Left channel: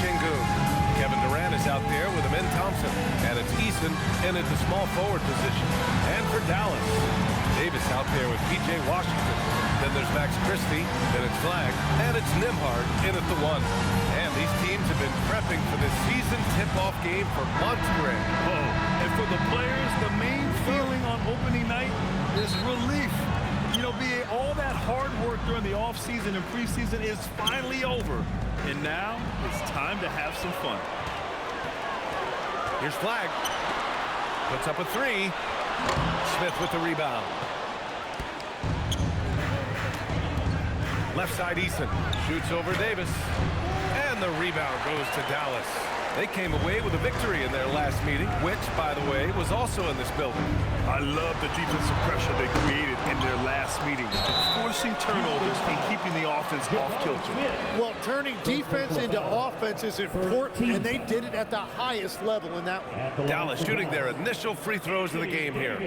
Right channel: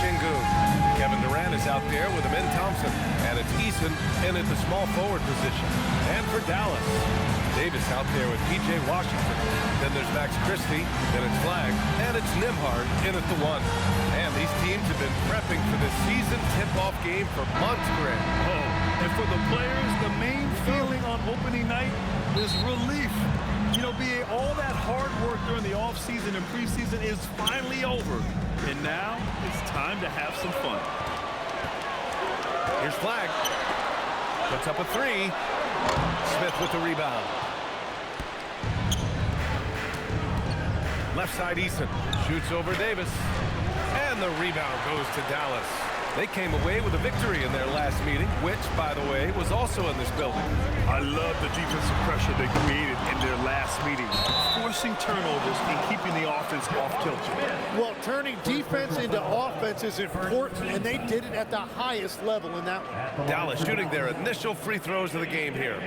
Şengün. Kevin Durant is out there with Amin Thompson. And it's Eason in at the small forward position. And for Dallas, Davis out there with P.J. Washington. Then there's Max Christie. Then it's Flagg. And it's Nembhard in at the 1. And these teams have been prepping for this season tip-off game for months, Grant. Oh, and for the players, the main feeling on opening night is relief. You know, BA, all that hard work during the offseason and preseason is finally over. And now it's time to have some fun. Here's Flagg. Puts up a 3. Smith with the rebound. Left side, Eason. Shoots over Davis. And the rebound goes to Dallas. They came away with a victory in their last meeting, which, by the way, was also in this building. I love the defensive pressure they created in their last meeting, forcing turnovers and keeping the offense off kilter. Well, turning defense into offense is important, and they did it at the highest level in that one. Dallas shooting their initial free throws of the game here.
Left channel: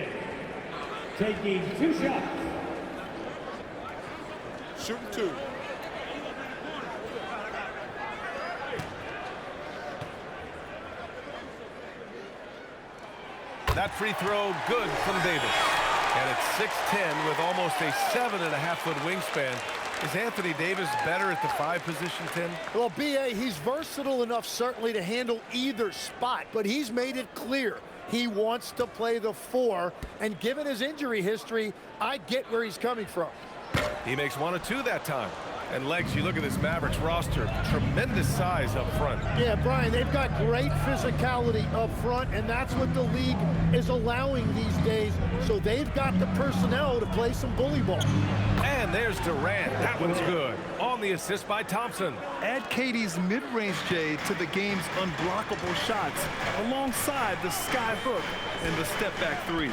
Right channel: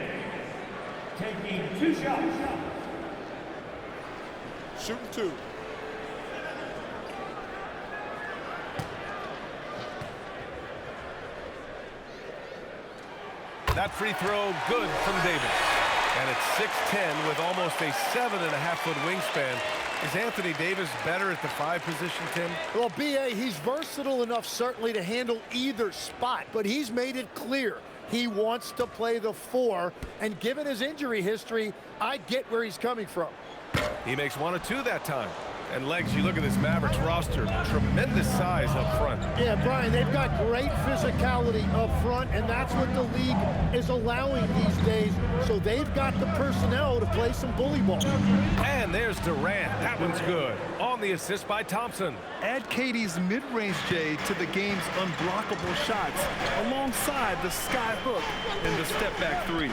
Taking 2 shots. Shooting 2. That free throw good from Davis. And it's 6'10" with almost a 7.5-foot wingspan. Is Anthony Davis better at the 5 position, Tim? Well, B.A., he's versatile enough certainly to handle either spot, but he's made it clear he wants to play the 4, and given his injury history, I get where he's coming from. He makes 1 or 2 that time. And Legs, you look at this Mavericks roster, tremendous size up front. Yeah, Brian, they've got great physicality up front, and that's what the league is allowing these days. So they've got the personnel to play some bully ball. And there's Durant. That one's good. On the assist by Thompson. Add Katie's mid-range J to the game's unblockable shots, alongside the sky hook and the step-back 3.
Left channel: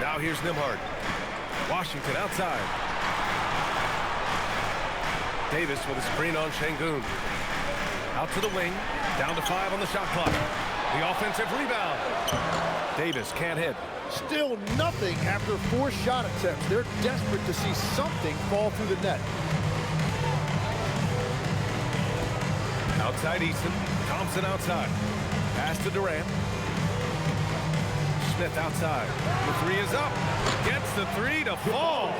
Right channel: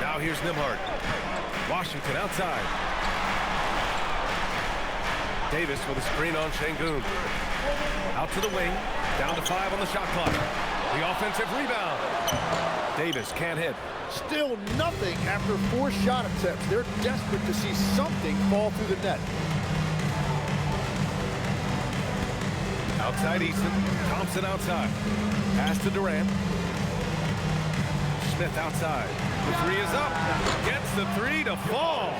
Now here's Nembhard. Washington outside. Davis with a screen on Şengün. Out to the wing. Down to 5 on the shot clock. The offensive rebound. Davis can't hit. Still nothing after 4 shot attempts. They're desperate to see something fall through the net. Outside Eason. Thompson outside. Pass to Durant. Smith outside. The 3 is up. Gets the 3 to fall.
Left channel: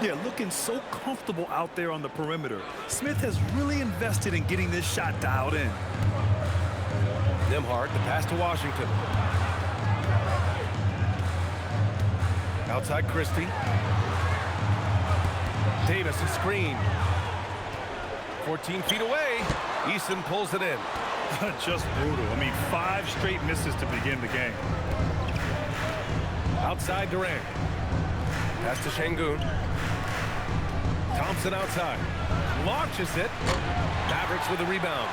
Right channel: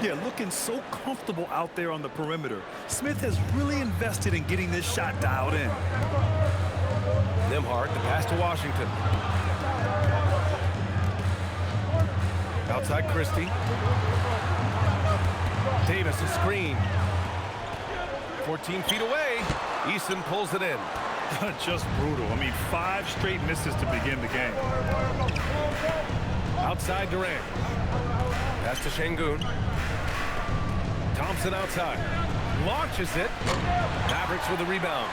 Yeah, looking so comfortable out there on the perimeter. Smith has really invested in getting this shot dialed in. Nembhard, the pass to Washington. Outside Christie. Davis a screen. 14 feet away. Eason pulls it in. Just brutal. I mean, 5 straight misses to begin the game. Outside Durant. Pass to Şengün. Thompson outside. Launches it. Mavericks with a rebound.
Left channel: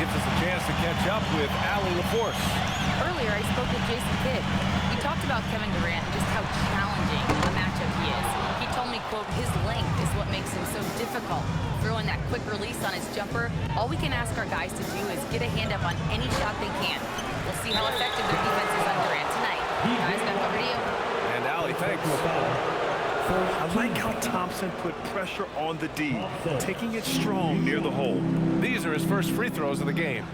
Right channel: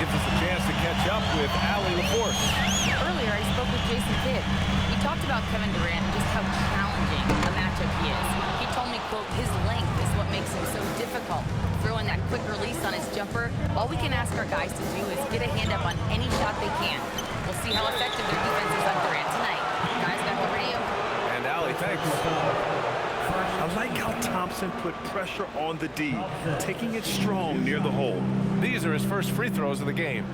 Gives us a chance to catch up with Allie LaForce. Earlier, I spoke with Jason Kidd. We talked about Kevin Durant and just how challenging a matchup he is. He told me, quote, his length is what makes him so difficult. Throwing that quick release on his jumper, all we can ask our guys to do is get a hand up on any shot they can. We'll see how effective their defense is on Durant tonight. Guys, back over to you. And Allie, thanks. I like how Thompson put pressure on the D, taking it strong near the hole. These are his first free throws of the game.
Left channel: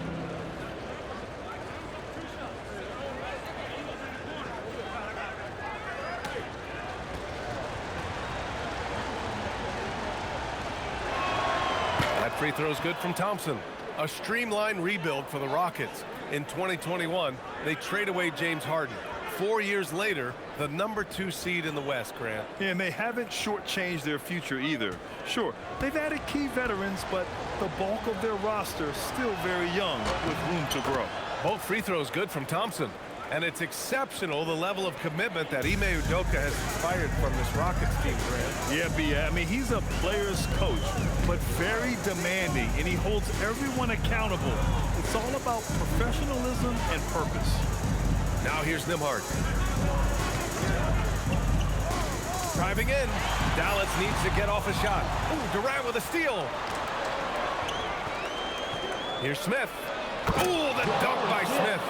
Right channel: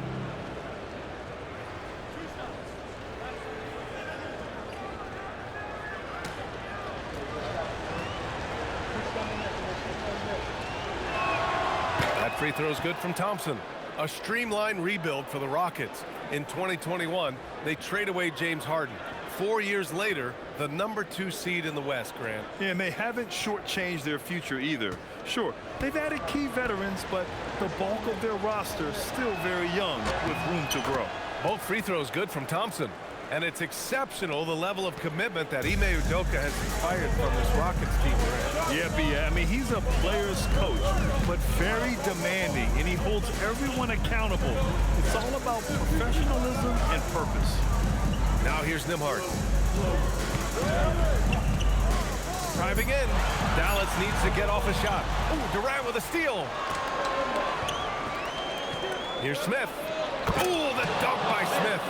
That free throw is good from Thompson. A streamlined rebuild for the Rockets. In 2021, they trade away James Harden. 4 years later, the #2 seed in the West, Grant. Yeah, and they haven't shortchanged their future either. Sure, they've added key veterans, but the bulk of their roster still very young with room to grow. Both free throws good from Thompson. And it's exceptional the level of commitment that Ime Udoka has inspired from this Rockets team, Grant. Yeah, B.A. I mean, he's a player's coach, but very demanding, and he holds everyone accountable. It's all about professionalism and purpose. Now here's Nembhard. Driving in. Dallas needs to get off a shot. Ooh, Durant with a steal. Here's Smith. Ooh, the dunk by Smith.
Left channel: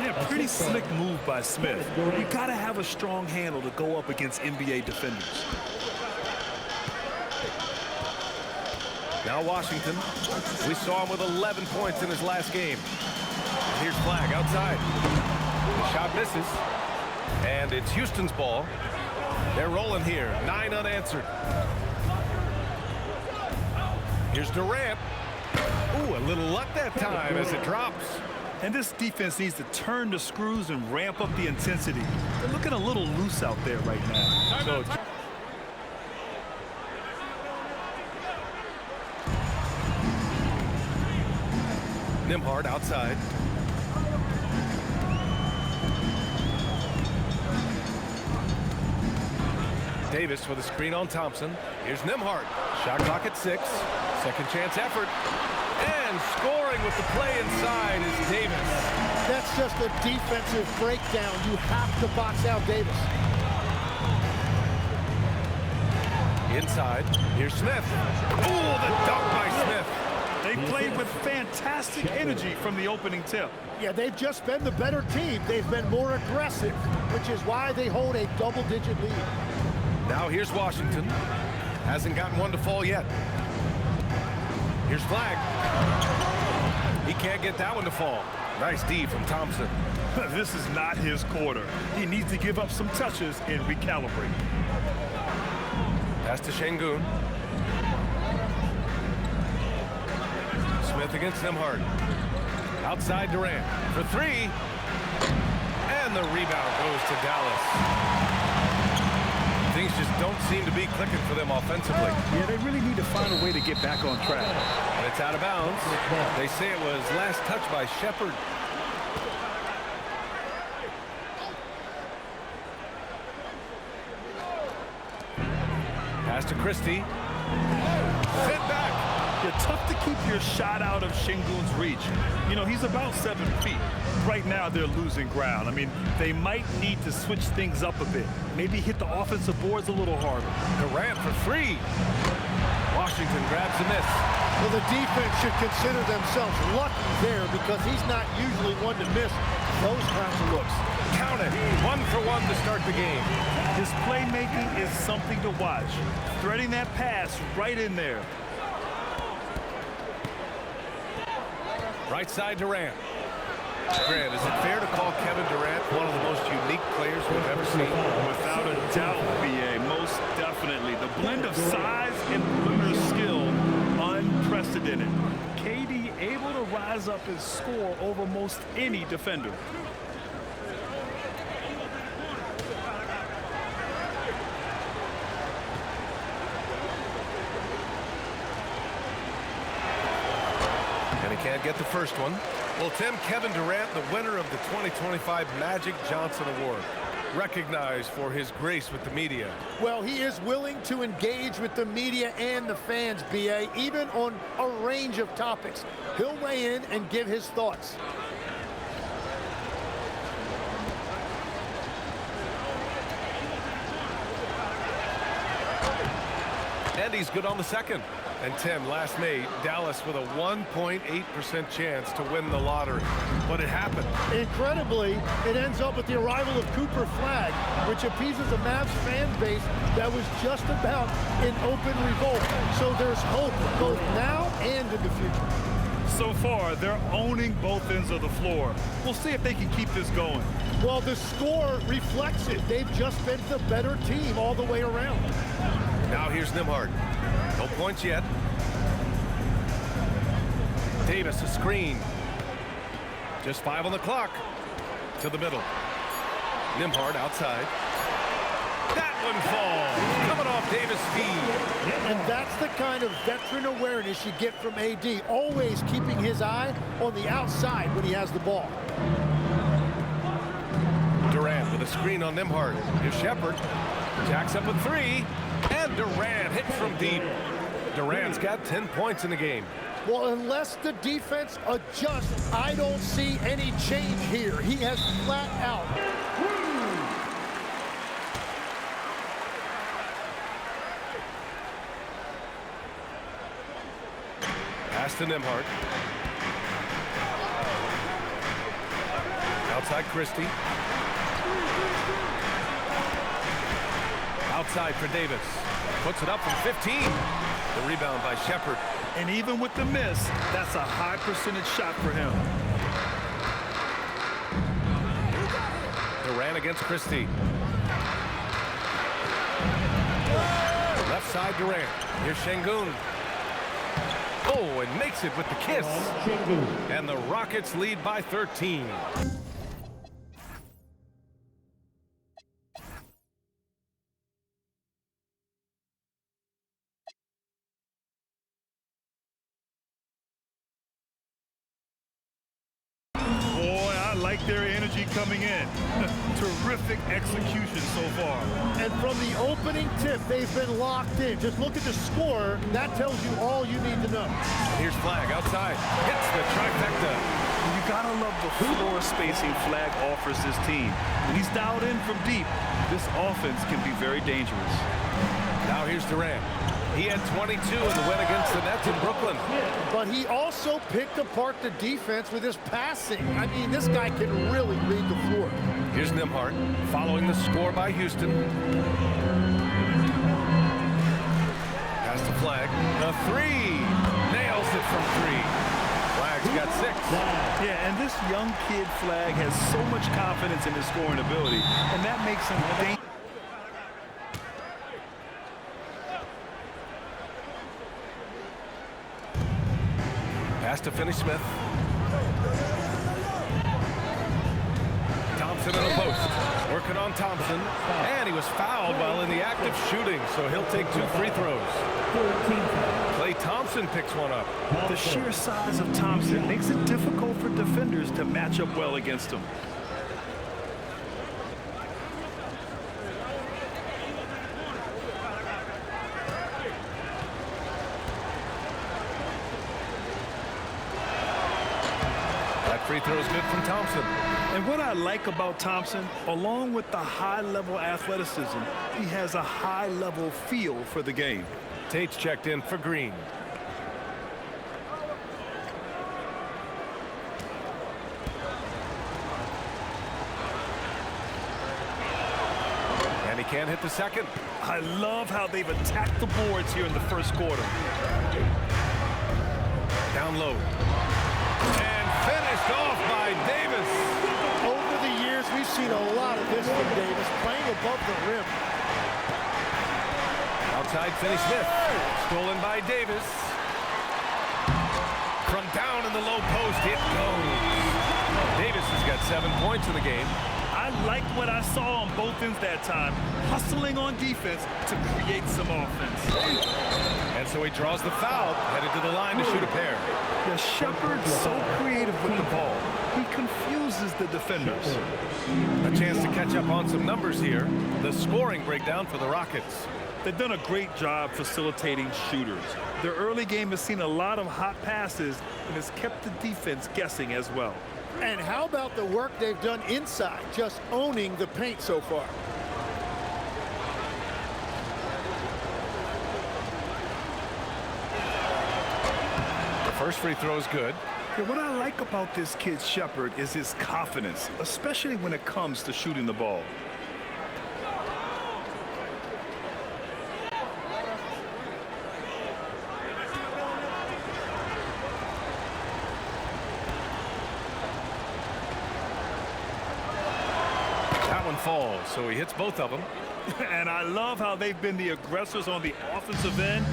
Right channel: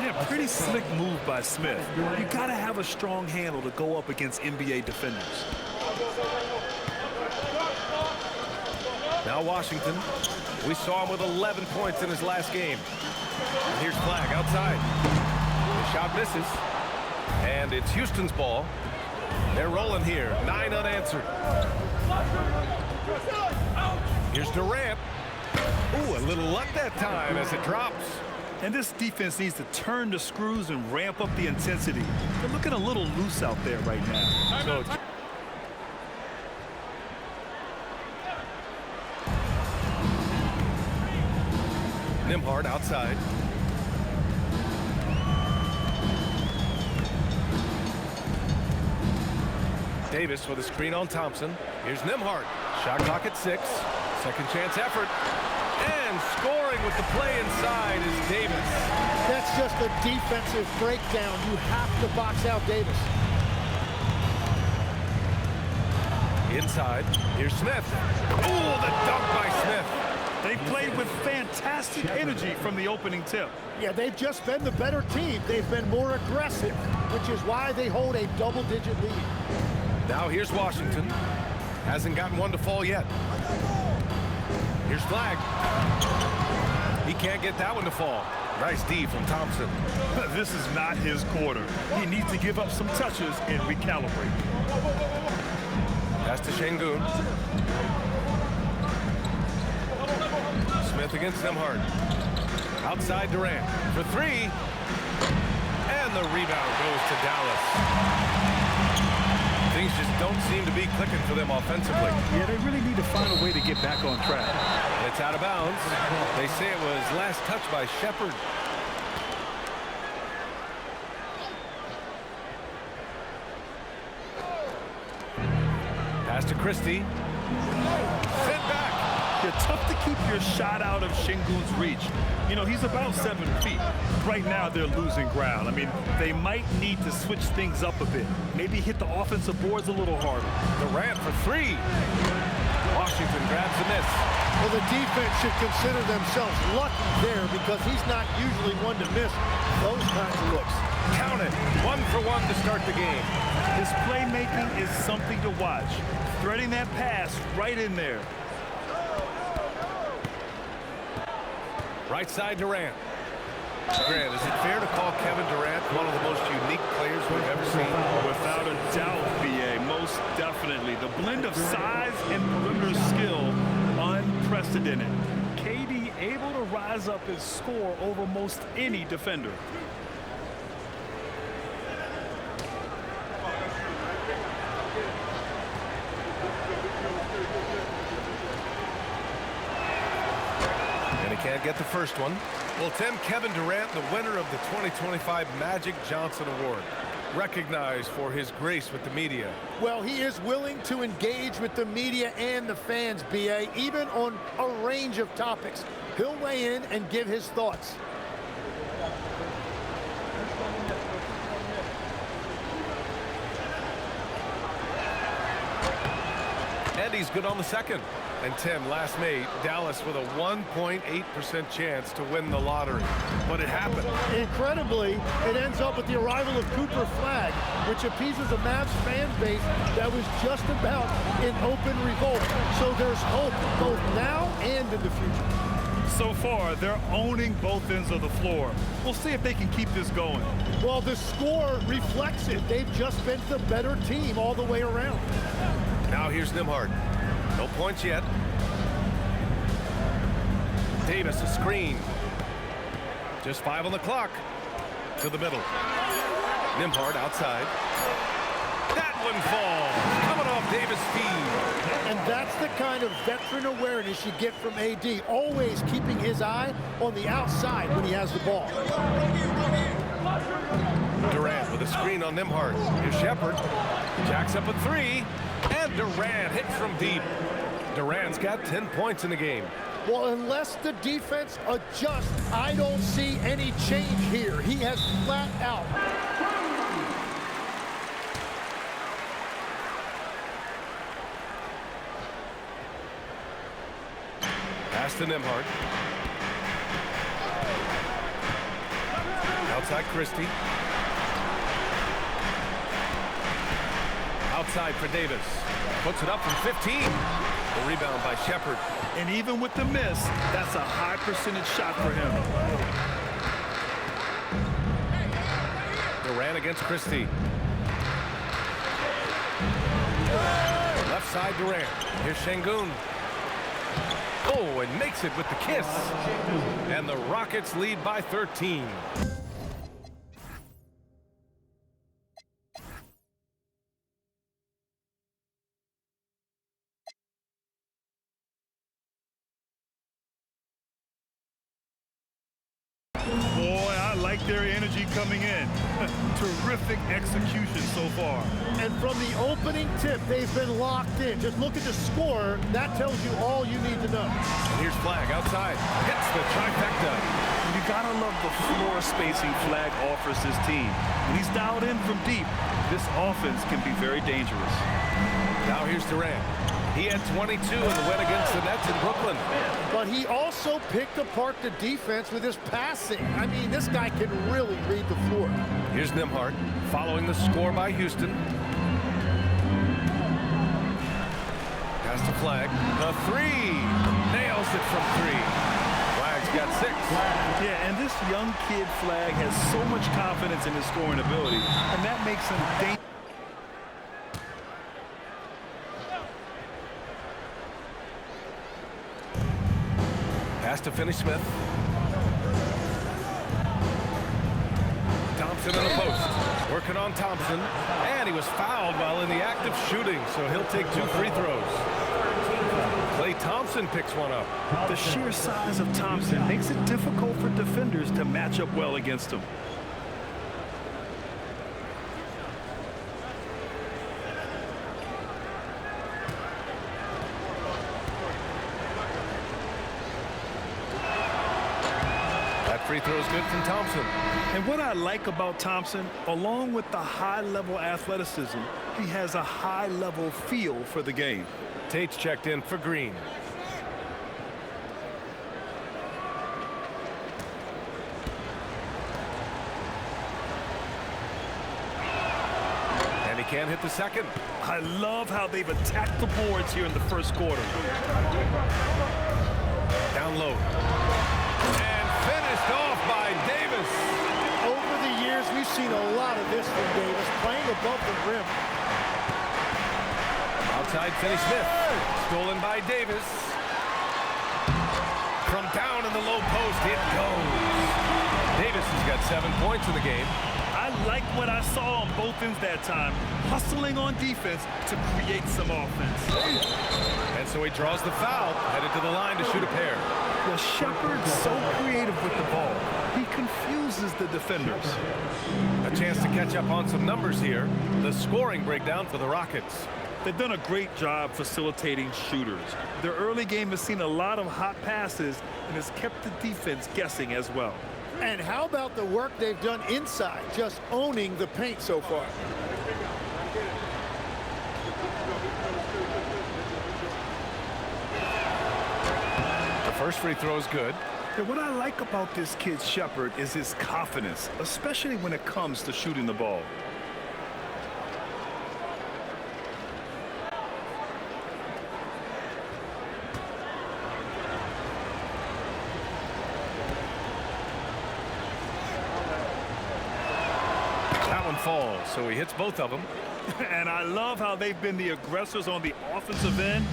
Yeah, pretty slick move by Smith. You gotta have a strong handle to go up against NBA defenders. Now Washington. We saw him with 11 points in his last game. And here's Flag outside. The shot misses. And it's Houston's ball. They're rolling here. 9 unanswered. Here's Durant. Ooh, a little luck that time as it drops. And this defense needs to turn the screws and ramp up the intensity. They're looking a little loose out there right now. So Nembhard outside. Davis with a screen on Thompson. Here's Nembhard. Shot clock at 6. Second chance effort. And scoring with the play inside is Davis. That's just a defensive breakdown. You have to box out Davis. Inside. Here's Smith. Ooh, the dunk by Smith. they played with fantastic energy from the opening tip. Yeah, they've just been the better team. They've been more aggressive, which is why they hold a double-digit lead. Now here's Washington. Hasn't gotten one to fall yet. Here's Flag. He can't get that one to fall. Nice D from Thompson. This is not his quarter. He needs to give up some touches and recalibrate. Pass to Şengün. Smith against Nembhard. Outside Durant for three. And the rebound goes to Dallas. Things just don't seem to be clicking for them offensively. Yeah, they really need to find a way to get back on track. And it's out of bounds. They say it was last touched by Shepard. Pass to Christie. Sent back. Yeah, tough to keep your shot out of Şengün's reach. You know, he's about 7 feet. Right now, they're losing ground. I mean, they might need to switch things up a bit. Maybe hit the offensive boards a little harder. Durant for three. Washington grabs the miss. Well, the defense should consider themselves lucky there because he's not usually one to miss those kinds of looks. Count it. 1 for 1 to start the game. His playmaking is something to watch. Threading that pass right in there. Right side Durant. Grant, is it fair to call Kevin Durant one of the most unique players we've ever seen? Without a doubt, BA, most definitely. The blend of size and perimeter skill, unprecedented. KD able to rise up and score over most any defender. And he can't get the first one. Well, Tim, Kevin Durant, the winner of the 2025 Magic Johnson Award, recognized for his grace with the media. Well, he is willing to engage with the media and the fans, BA, even on a range of topics. He'll weigh in and give his thoughts. And he's good on the second. And Tim, last May, Dallas with a 1.8% chance to win the lottery. But it happened. Incredibly, it ends up with the arrival of Cooper Flag, which appeases a Mavs fan base that was just about in open revolt. So there's hope both now and in the future. So far, they're owning both ends of the floor. We'll see if they can keep this going. Well, the score reflects it. They've just been the better team all the way around. Now here's Nembhard. No points yet. Davis a screen. Just 5 on the clock. To the middle. Nembhard outside. That one falls. Coming off Davis' feed. And that's the kind of veteran awareness you get from AD. Always keeping his eye on the outside when he has the ball. Durant with a screen on Nembhard. Here's Shepard. Jacks up a three. And Durant hits from deep. Durant's got 10 points in the game. Well, unless the defense adjusts, I don't see any change here. He has flat out. Pass to Nembhard. Outside Christie. Outside for Davis. Puts it up from 15. The rebound by Shepard. And even with the miss, that's a high percentage shot for him. Durant against Christie. Left side Durant. Here's Şengün. Oh, and makes it with the kiss. And the Rockets lead by 13. Boy, I like their energy coming in. Terrific execution so far. And from the opening tip, they've been locked in. Just look at the score. That tells you all you need to know. And here's Flagg outside. Hits the trifecta. You gotta love the floor spacing Flagg offers this team. When he's dialed in from deep, this offense can be very dangerous. Now here's Durant. He had 22 in the win against the Nets in Brooklyn. But he also picked apart the defense with his passing. I mean, this guy can really read the floor. Here's Nembhard following the score by Houston. Pass to Flagg. The three. Nails it from three. Flagg's got 6. Yeah, and this young kid Flagg has so much confidence in his scoring ability, and that makes him dangerous. Pass to Finney-Smith. Thompson in the post. Working on Thompson. And he was fouled while in the act of shooting, so he'll take 2 free throws. Klay Thompson picks one up. The sheer size of Thompson makes it difficult for defenders to match up well against him. That free throw is good from Thompson. And what I like about Thompson, along with the high-level athleticism, he has a high-level feel for the game. Tate's checked in for Green. And he can't hit the second. I love how they've attacked the boards here in the first quarter. Down low. And finished off by Davis. Over the years, we've seen a lot of this from Davis, playing above the rim. Outside Finney-Smith. Stolen by Davis. From down in the low post, it goes. Davis has got 7 points in the game. I like what I saw on both ends that time, hustling on defense to create some offense. And so he draws the foul, headed to the line to shoot a pair. Yeah, Shepard's so creative with the ball. He confuses the defenders. A chance to catch up on some numbers here. The scoring breakdown for the Rockets. They've done a great job facilitating shooters. Their early game has seen a lot of hot passes and has kept the defense guessing as well. And how about the work they've done inside, just owning the paint so far? The first free throw is good. And what I like about this kid Shepard is his confidence, especially when it comes to shooting the ball. That one falls, so he hits both of them. And I love how they've been the aggressors on the offensive end.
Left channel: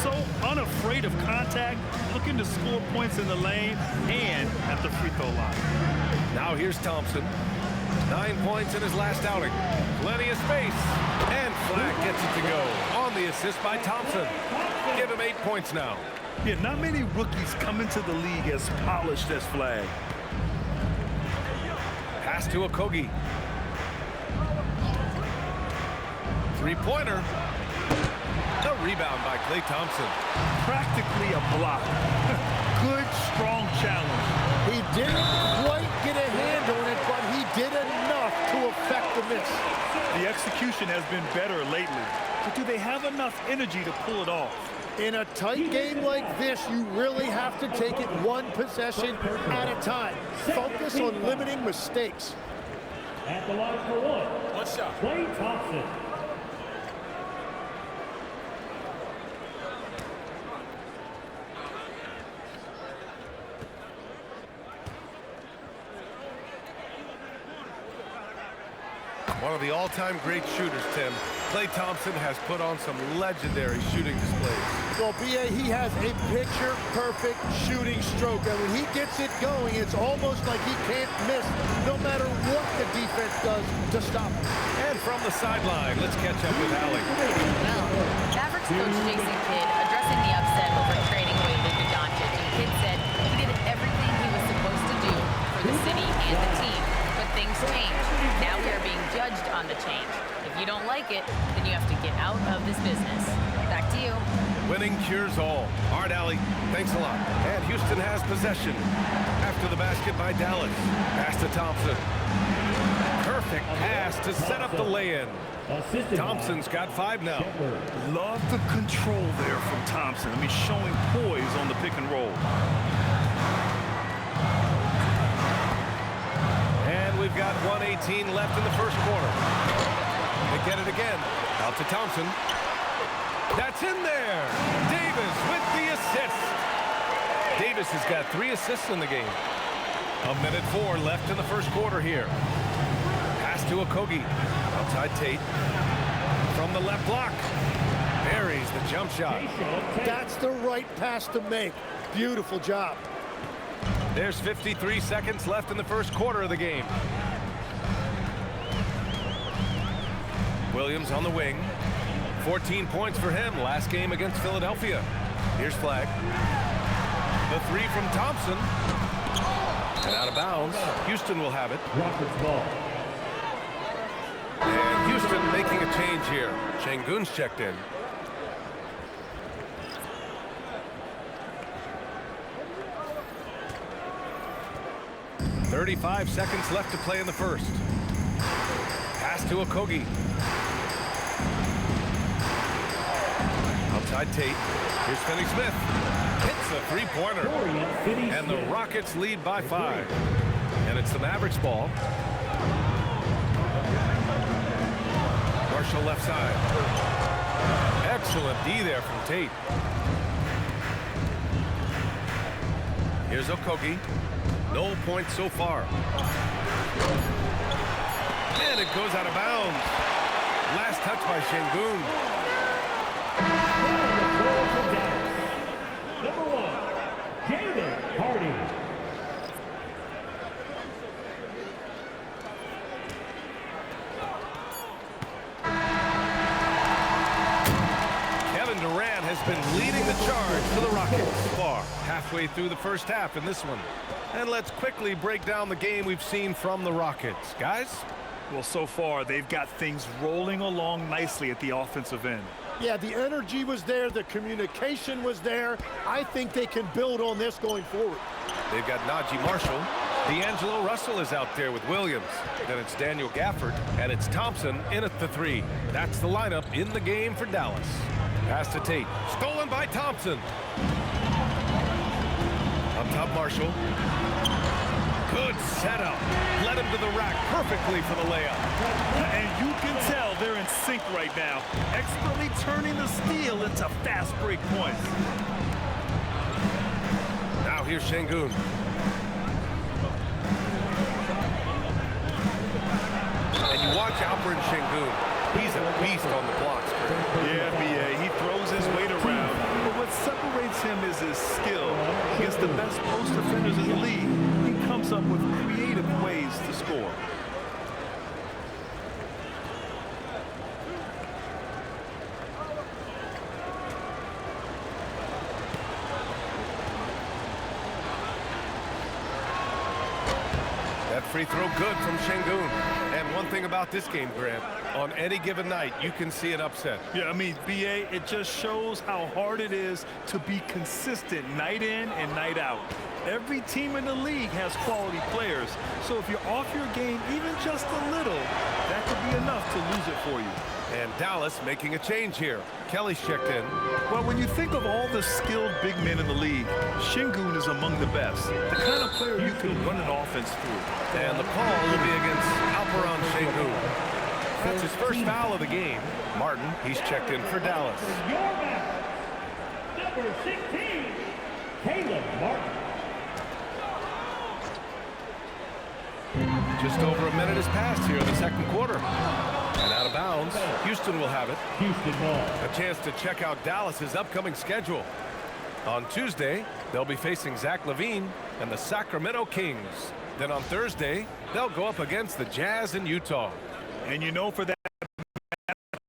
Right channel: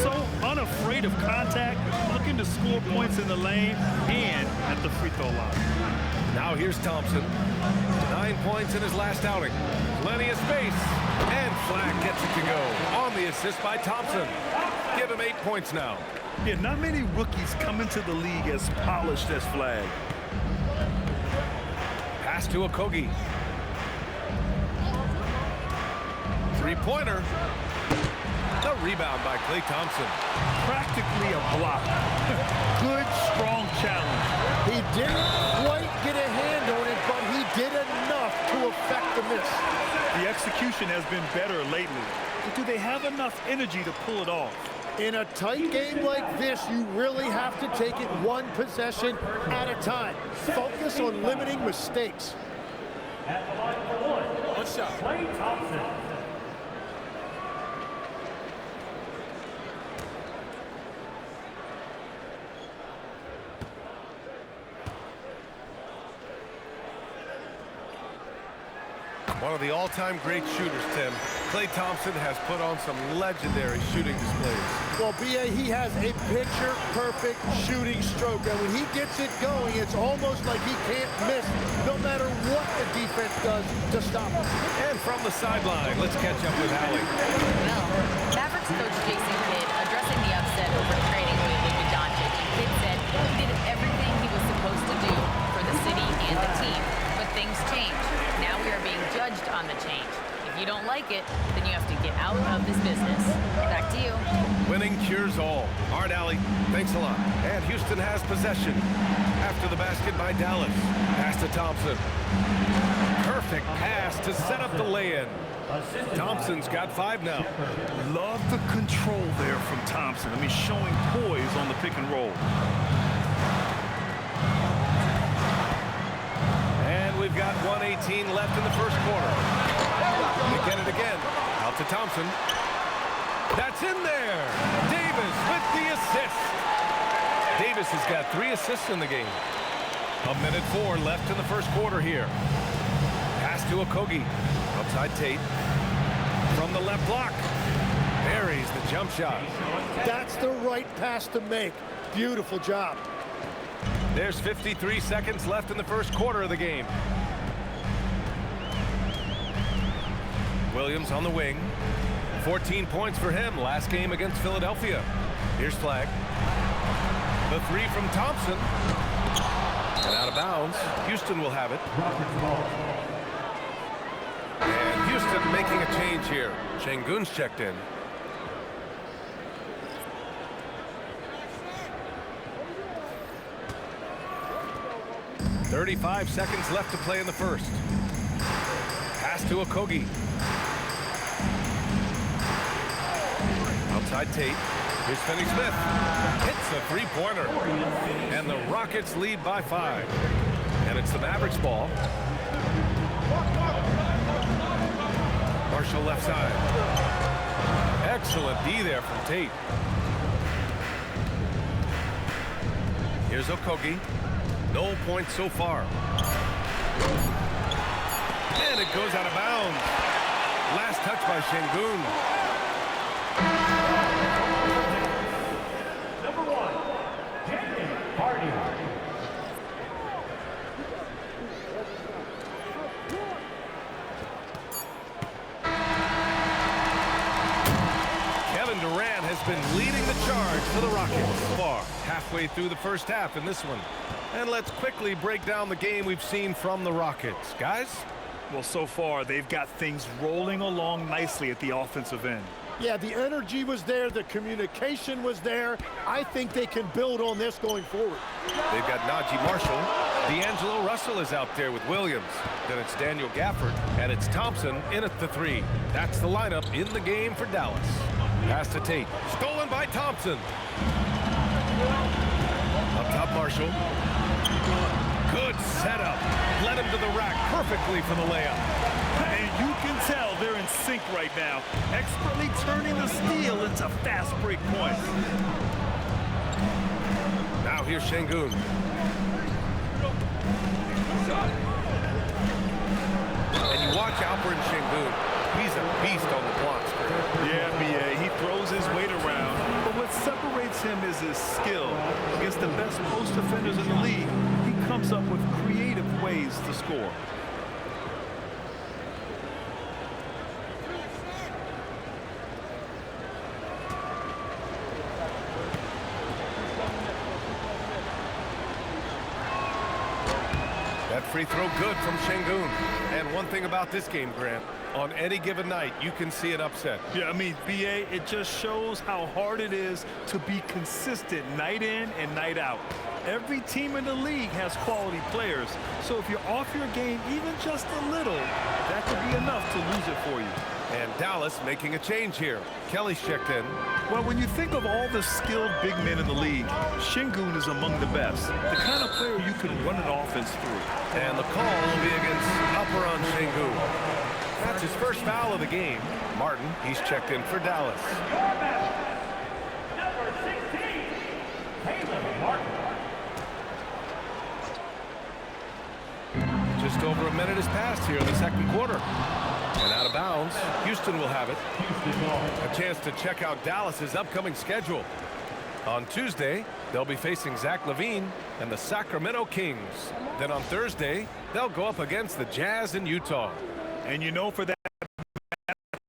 So unafraid of contact, looking to score points in the lane and at the free throw line. Now here's Thompson. 9 points in his last outing. Plenty of space. And Flagg gets it to go. On the assist by Thompson. Give him 8 points now. Yeah, not many rookies come into the league as polished as Flagg. Pass to Okogie. Three-pointer. The rebound by Klay Thompson. Practically a block. Good, strong challenge. He didn't quite get a hand on it, but he did enough to affect the miss. The execution has been better lately. But do they have enough energy to pull it off? In a tight game like this, you really have to take it one possession at a time. Focus on limiting mistakes. At the line for one shot. Klay Thompson. One of the all-time great shooters, Tim. Klay Thompson has put on some legendary shooting displays. Well, B.A., he has a picture-perfect shooting stroke, and when he gets it going, it's almost like he can't miss, no matter what the defense does to stop him. And from the sideline, let's catch up with Allie. Well, Mavericks coach Jason Kidd addressing the upset over trading away Luka Doncic, and Kidd said he did everything he was supposed to do for the city and the team. But things change. Now we are being judged on the change. If you don't like it, then you have to get out of this business. Back to you. Winning cures all. All right, Allie, thanks a lot. And Houston has possession. After the basket by Dallas. Pass to Thompson. Perfect pass to set up the lay-in. Thompson's got 5 now. Love the control there from Thompson. I mean, showing poise on the pick and roll. And we've got 1:18 left in the first quarter. They get it again. Out to Thompson. That's in there. Davis with the assist. Davis has got 3 assists in the game. 1:04 left in the first quarter here. Pass to Okogie. Outside Tate. From the left block. Buries the jump shot. That's the right pass to make. Beautiful job. There's 53 seconds left in the first quarter of the game. Williams on the wing. 14 points for him last game against Philadelphia. Here's Flagg. The 3 from Thompson. And out of bounds. Houston will have it. And Houston making a change here. Şengün's checked in. .35 seconds left to play in the first. Pass to Okogie. Outside Tate. Here's Finney-Smith. Hits a 3-pointer. And the Rockets lead by 5. And it's the Mavericks ball. Marshall left side. Excellent D there from Tate. Here's Okogie. No points so far. And it goes out of bounds. Last touch by Şengün. Number 1, Jalen Hardy. Kevin Durant has been leading the charge for the Rockets. Far halfway through the first half in this one. And let's quickly break down the game we've seen from the Rockets. Guys? Well, so far, they've got things rolling along nicely at the offensive end. Yeah, the energy was there. The communication was there. I think they can build on this going forward. They've got Najee Marshall. D'Angelo Russell is out there with Williams. Then it's Daniel Gafford. And it's Thompson in at the 3. That's the lineup in the game for Dallas. Pass to Tate. Stolen by Thompson. Up top, Marshall. Good setup. Led him to the rack perfectly for the layup. And you can tell they're in sync right now, expertly turning the steal into fast break points. Now here's Şengün. And you watch Alperen Şengün. He's a beast on the blocks, Greg. Yeah, B.A. He throws his weight around, but what separates him is his skill. Against the best post defenders in the league, he comes up with creative ways to score. That free throw good from Şengün. And one thing about this game, Grant, on any given night, you can see an upset. Yeah, I mean, B.A., it just shows how hard it is to be consistent night in and night out. Every team in the league has quality players, so if you're off your game even just a little, that could be enough to lose it for you. And Dallas making a change here. Kelly's checked in. Well, when you think of all the skilled big men in the league, Şengün is among the best. The kind of player you can run an offense through. And the call will be against Alperen Şengün. That's his first foul of the game. Martin, he's checked in for Dallas. Your man, number 16, Caleb Martin. Just over a minute has passed here in the second quarter. And out of bounds, Houston will have it. Houston ball. A chance to check out Dallas's upcoming schedule. On Tuesday, they'll be facing Zach LaVine and the Sacramento Kings. Then on Thursday, they'll go up against the Jazz in Utah. And you know, for that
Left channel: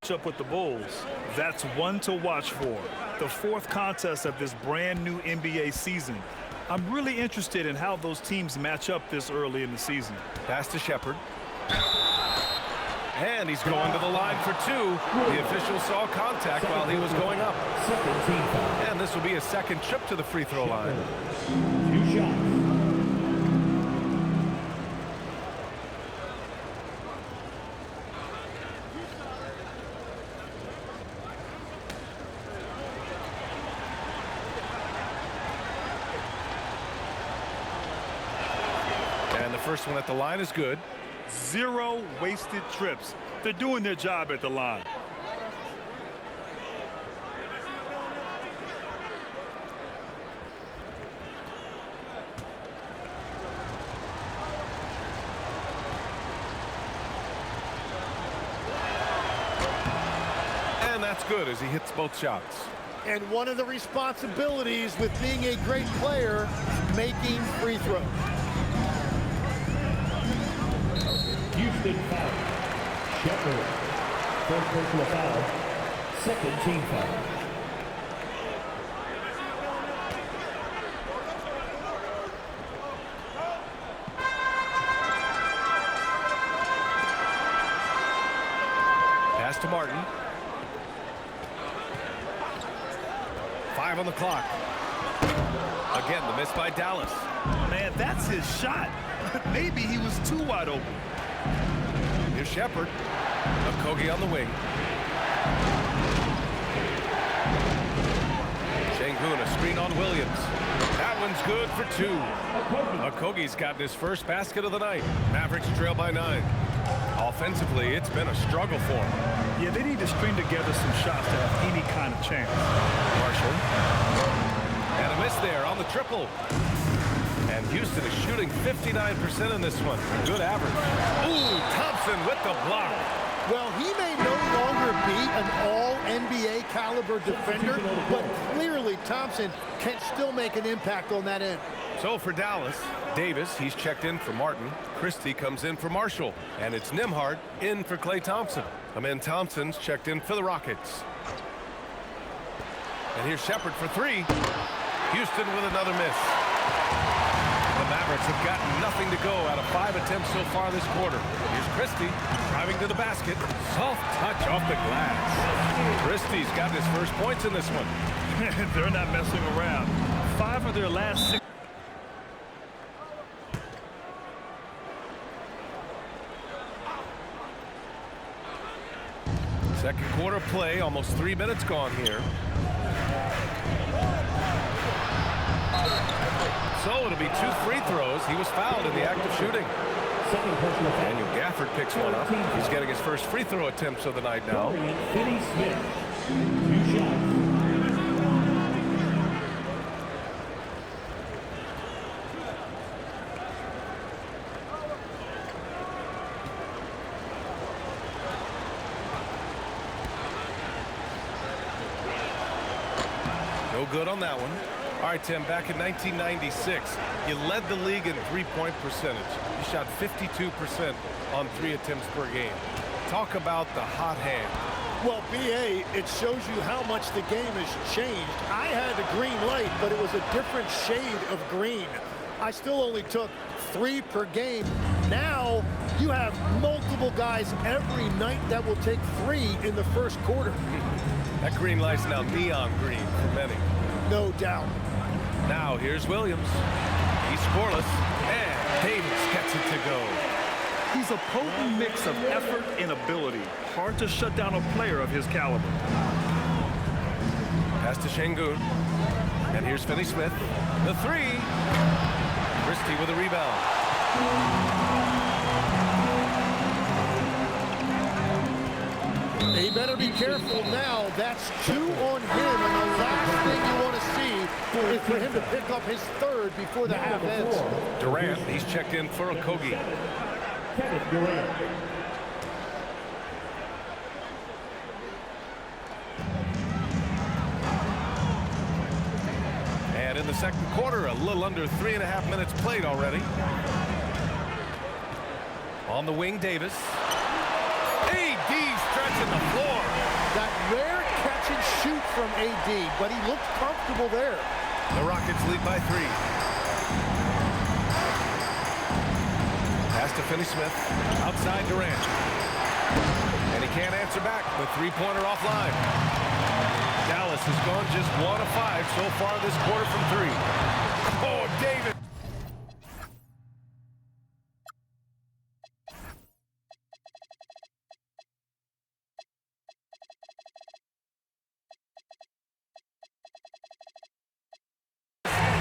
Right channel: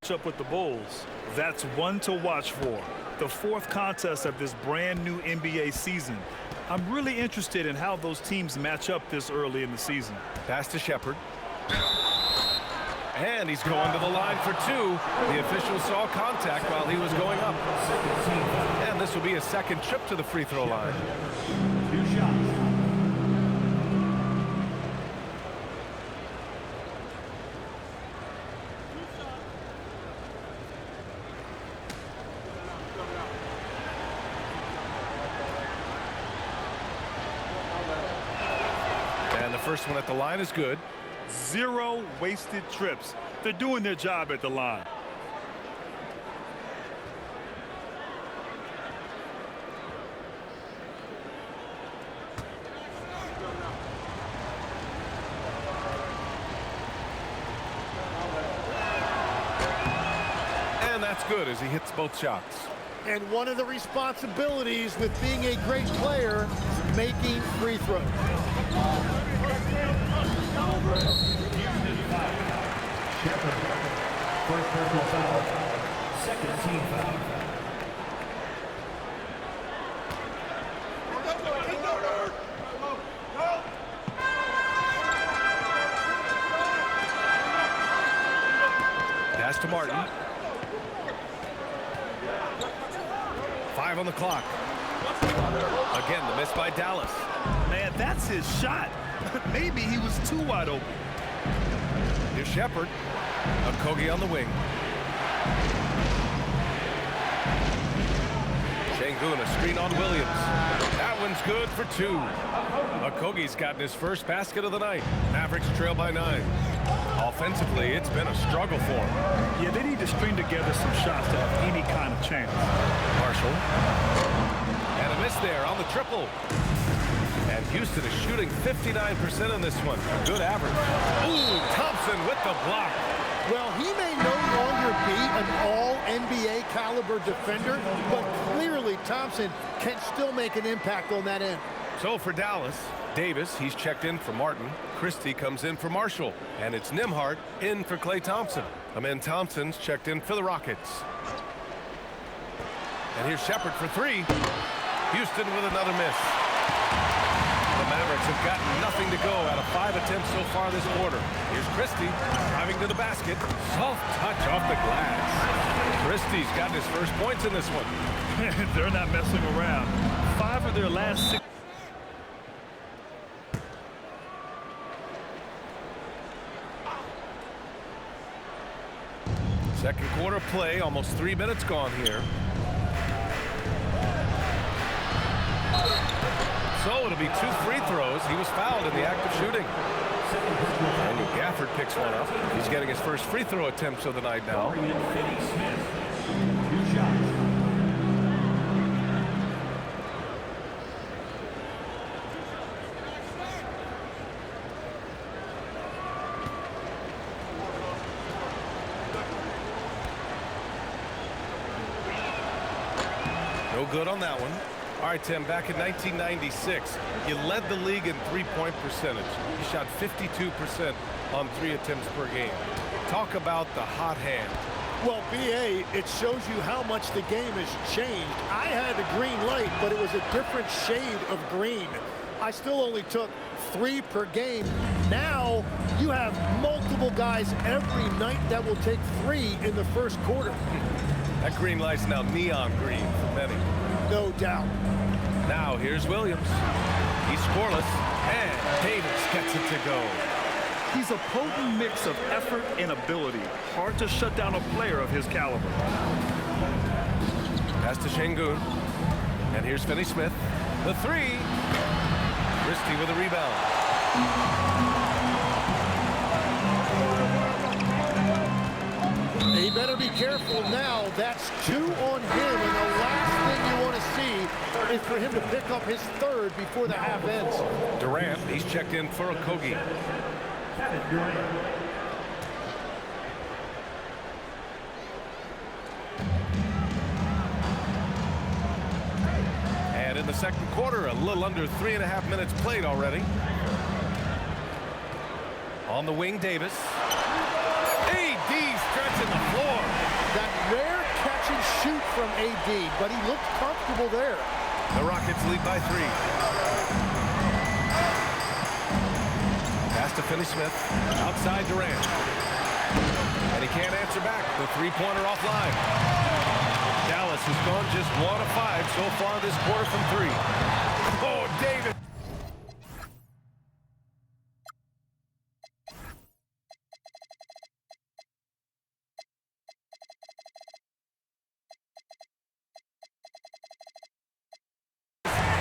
matchup with the Bulls, that's one to watch for. The fourth contest of this brand new NBA season. I'm really interested in how those teams match up this early in the season. Pass to Shepherd. And he's going to the line for two. The official saw contact while he was going up. And this will be a second trip to the free throw line. 2 shots. And the first one at the line is good. 0 wasted trips. They're doing their job at the line. And that's good as he hits both shots. And one of the responsibilities with being a great player is making free throws. Houston foul. Shepherd. First personal foul. Second team foul. Pass to Martin. 5 on the clock. Again, the miss by Dallas. Man, that's his shot. Maybe he was too wide open. Here's Shepherd. Okogie on the wing. Şengün, a screen on Williams. That one's good for 2. Okogie's gotten his first basket of the night. Mavericks trail by 9. Offensively, it's been a struggle for him. Yeah, they need to string together some shots to have any kind of chance. Marshall. And a miss there on the triple. And Houston is shooting 59% in this one. A good average. Ooh, Thompson with the block. Well, he may no longer be an all-NBA caliber defender, but clearly Thompson can still make an impact on that end. So for Dallas, Davis, he's checked in for Martin. Christie comes in for Marshall. And it's Nembhard in for Klay Thompson. Amen Thompson's checked in for the Rockets. And here's Shepherd for 3. Houston with another miss. The Mavericks have gotten nothing to go out of 5 attempts so far this quarter. Here's Christie driving to the basket. Soft touch off the glass. Christie's gotten his first points in this one. They're not messing around. 5 of their last 6. Second quarter play, almost 3 minutes gone here. So it'll be 2 free throws. He was fouled in the act of shooting. Second personal foul. Daniel Gafford picks one up. He's getting his first free throw attempts of the night now. Finney Smith. 2 shots. No good on that one. All right, Tim, back in 1996, you led the league in three-point percentage. You shot 52% on 3 attempts per game. Talk about the hot hand. Well, BA, it shows you how much the game has changed. I had a green light, but it was a different shade of green. I still only took 3 per game. Now you have multiple guys every night that will take 3 in the first quarter. That green light's now neon green for many. No doubt. Now here's Williams. He's scoreless, and Davis gets it to go. He's a potent mix of effort and ability. Hard to shut down a player of his caliber. Pass to Şengün. And here's Finney Smith. The 3. Christie with a rebound. He better be careful now. That's 2 on him, and the last thing you want to see is for him to pick up his 3rd before the half ends. Durant, he's checked in for Okogie. Kevin Durant. And in the second quarter, a little under 3.5 minutes played already. On the wing, Davis. AD stretching the floor. That rare catch and shoot from AD, but he looked comfortable there. The Rockets lead by 3. Pass to Finney-Smith. Outside Durant. And he can't answer back. The three-pointer offline. Dallas has gone just 1 of 5 so far this quarter from 3. Oh, Davis.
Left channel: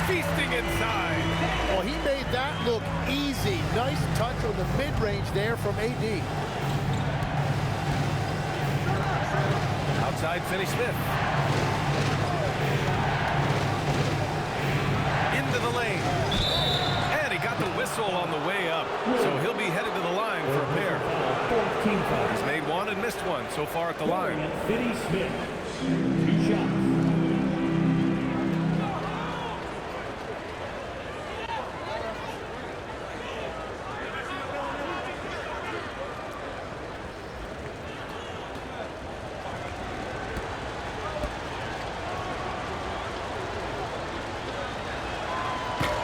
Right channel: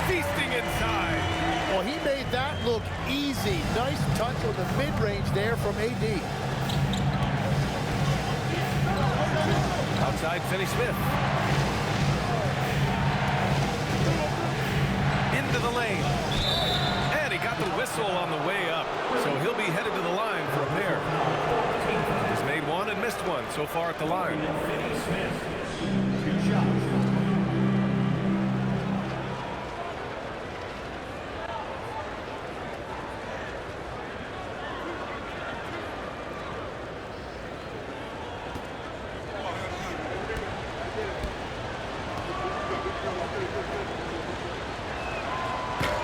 Feasting inside. Well, he made that look easy. Nice touch on the mid-range there from AD. Outside Finney-Smith. Into the lane. And he got the whistle on the way up. So he'll be headed to the line for a pair. He's made 1 and missed 1 so far at the line. Finney-Smith, 2 shots.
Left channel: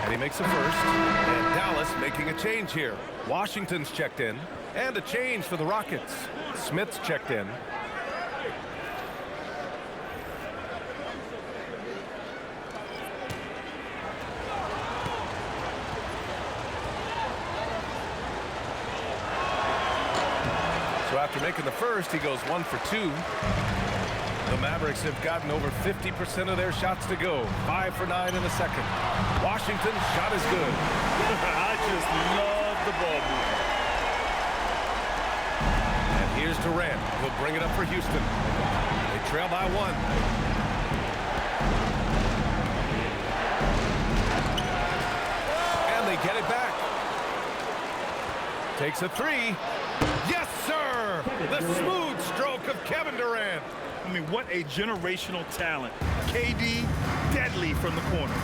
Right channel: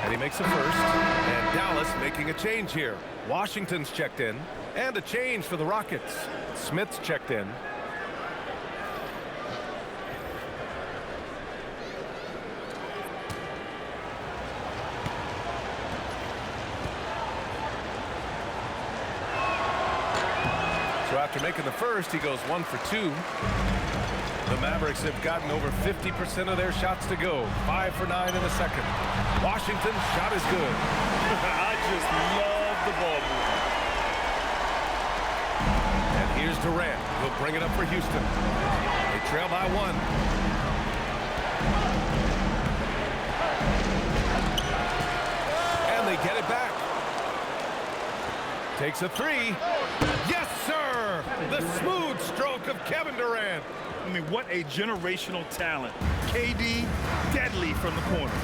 And he makes a first. And Dallas making a change here. Washington's checked in. And a change for the Rockets. Smith's checked in. So after making the first, he goes 1 for 2. The Mavericks have gotten over 50% of their shots to go. 5 for 9 in the second. Washington's shot is good. I just love the ball movement. And here's Durant. He'll bring it up for Houston. They trail by 1. And they get it back. Takes a 3. Yes, sir! The smooth stroke of Kevin Durant. I mean, what a generational talent. KD, deadly from the corner.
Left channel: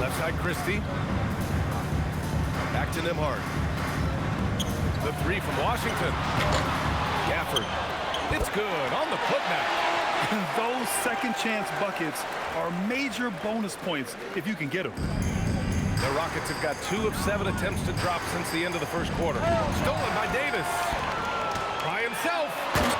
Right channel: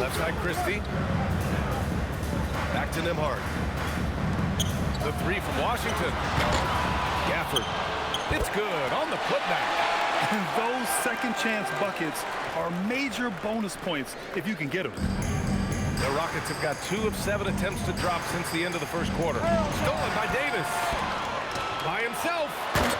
Left side, Christie. Back to Nembhard. The 3 from Washington. Gafford. It's good on the putback. And those second chance buckets are major bonus points if you can get them. The Rockets have got 2 of 7 attempts to drop since the end of the first quarter. Stolen by Davis. By himself.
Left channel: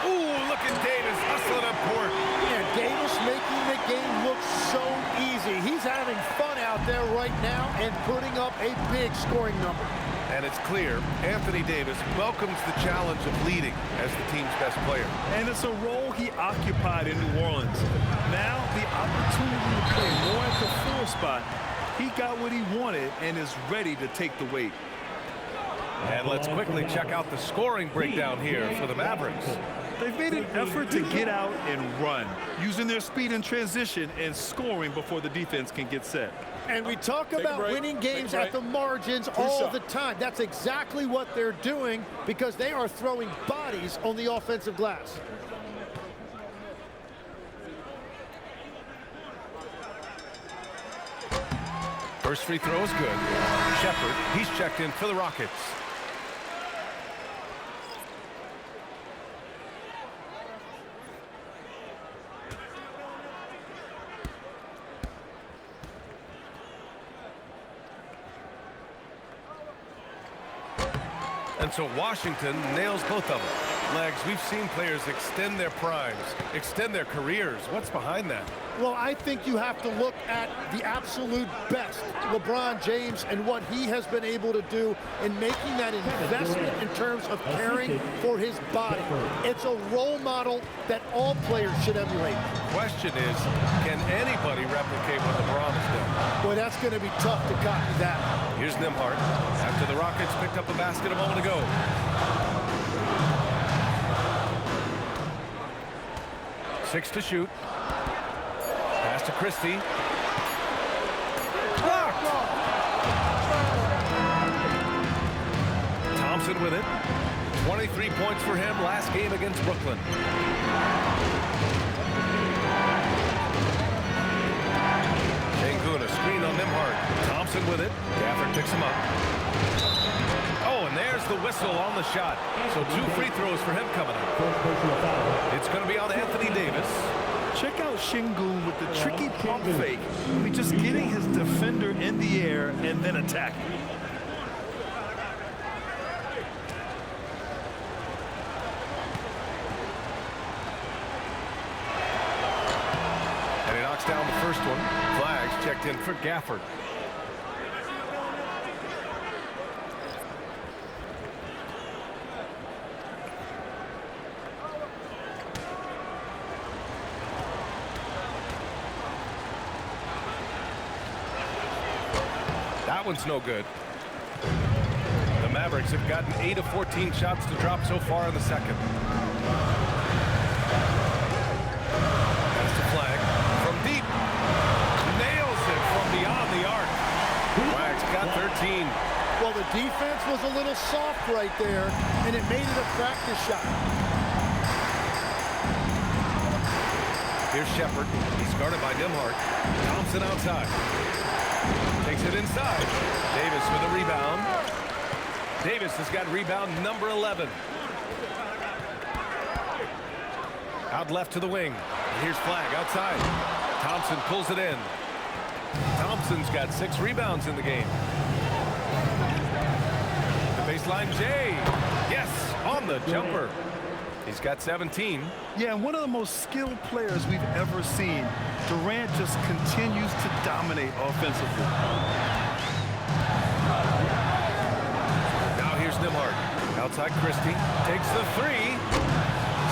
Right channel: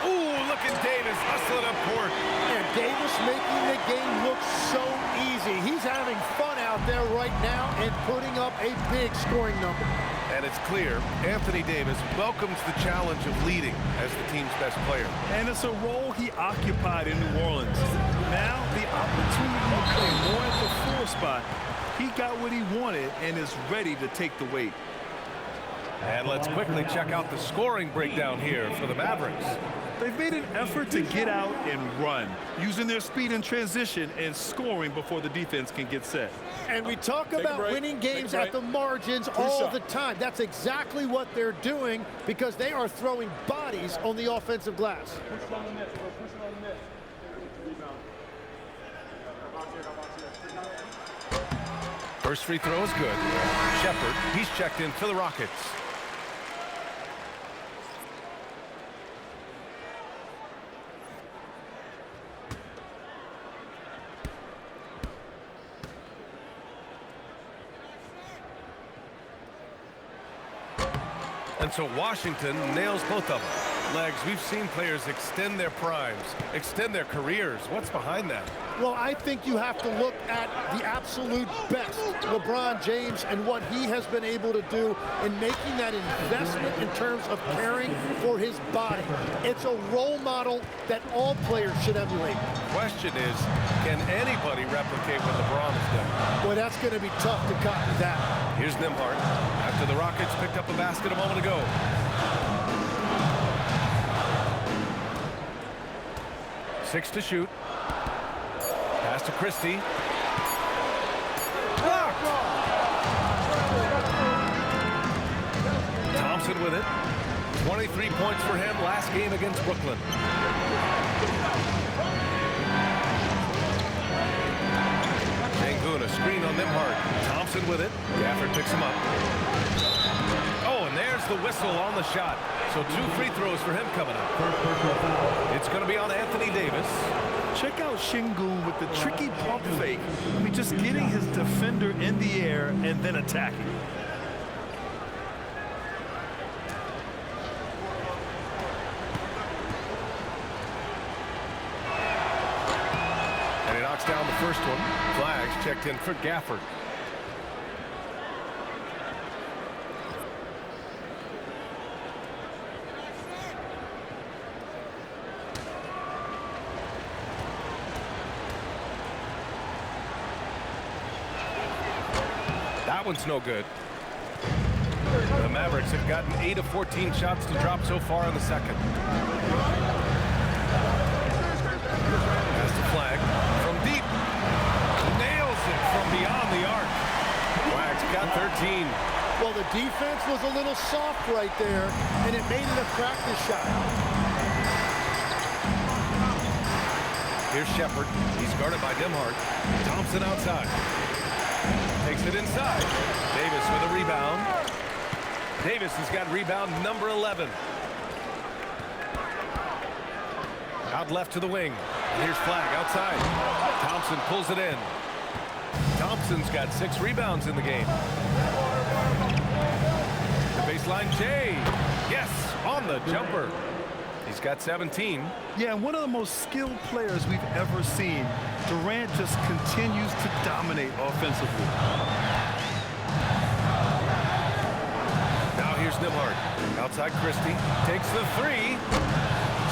Ooh, look at Davis hustling up court. And Davis making the game look so easy. He's having fun out there right now and putting up a big scoring number. And it's clear Anthony Davis welcomes the challenge of leading as the team's best player. And it's a role he occupied in New Orleans. Now the opportunity to play more at the 4 spot. He got what he wanted and is ready to take the weight. And let's quickly check out the scoring breakdown here for the Mavericks. They've made an effort to get out and run, using their speed in transition and scoring before the defense can get set. And we talk about winning games at the margins all the time. That's exactly what they're doing because they are throwing bodies on the offensive glass. First free throw is good. Shepard, he's checked in for the Rockets. And so Washington nails both of them. Legs, we've seen players extend their primes, extend their careers. What's behind that? Well, I think you have to look at the absolute best, LeBron James, and what he has been able to do in making that investment in terms of caring for his body. It's a role model that all players should emulate. Question is, can anybody replicate what LeBron has done? Boy, that's going to be tough to copy that. Here's Nembhard after the Rockets picked up a basket a moment ago. Six to shoot. Pass to Christie. Blocked. Thompson with it. 23 points for him last game against Brooklyn. Sengun, a screen on Nembhard. Thompson with it. Gafford picks him up. Oh, and there's the whistle on the shot. So 2 free throws for him coming up. It's going to be on Anthony Davis. Check out Sengun with the tricky pump fake. I mean, just getting his defender in the air and then attacking. And he knocks down the first one. Flags checked in for Gafford. That one's no good. The Mavericks have gotten 8 of 14 shots to drop so far in the second. Pass to Flag from deep. Nails it from beyond the arc. Flag's got 13. Well, the defense was a little soft right there, and it made it a practice shot. Here's Shepard. He's guarded by Nembhard. Thompson outside. Takes it inside. Davis with a rebound. Davis has got rebound number 11. Out left to the wing. And here's Flag outside. Thompson pulls it in. Thompson's got 6 rebounds in the game. The baseline Jay. Yes, on the jumper. He's got 17. Yeah, and one of the most skilled players we've ever seen. Durant just continues to dominate offensively. Now here's Nembhard. Outside Christie. Takes the 3.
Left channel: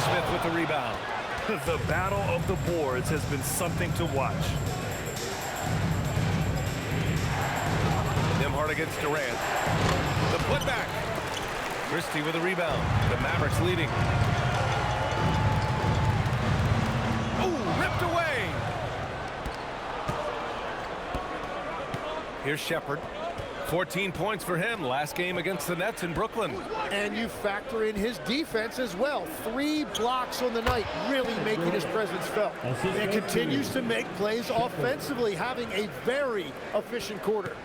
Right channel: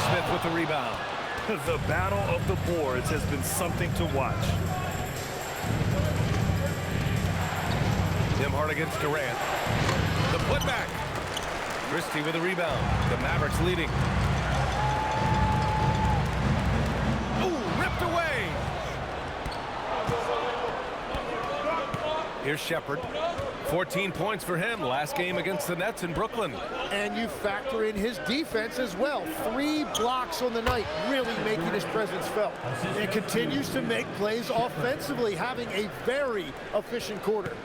Smith with the rebound. The battle of the boards has been something to watch. Nembhard against Durant. The putback. Christie with a rebound. The Mavericks leading. Ooh, ripped away. Here's Shepard. 14 points for him last game against the Nets in Brooklyn. And you factor in his defense as well. 3 blocks on the night, really making his presence felt. And continues to make plays offensively, having a very efficient quarter.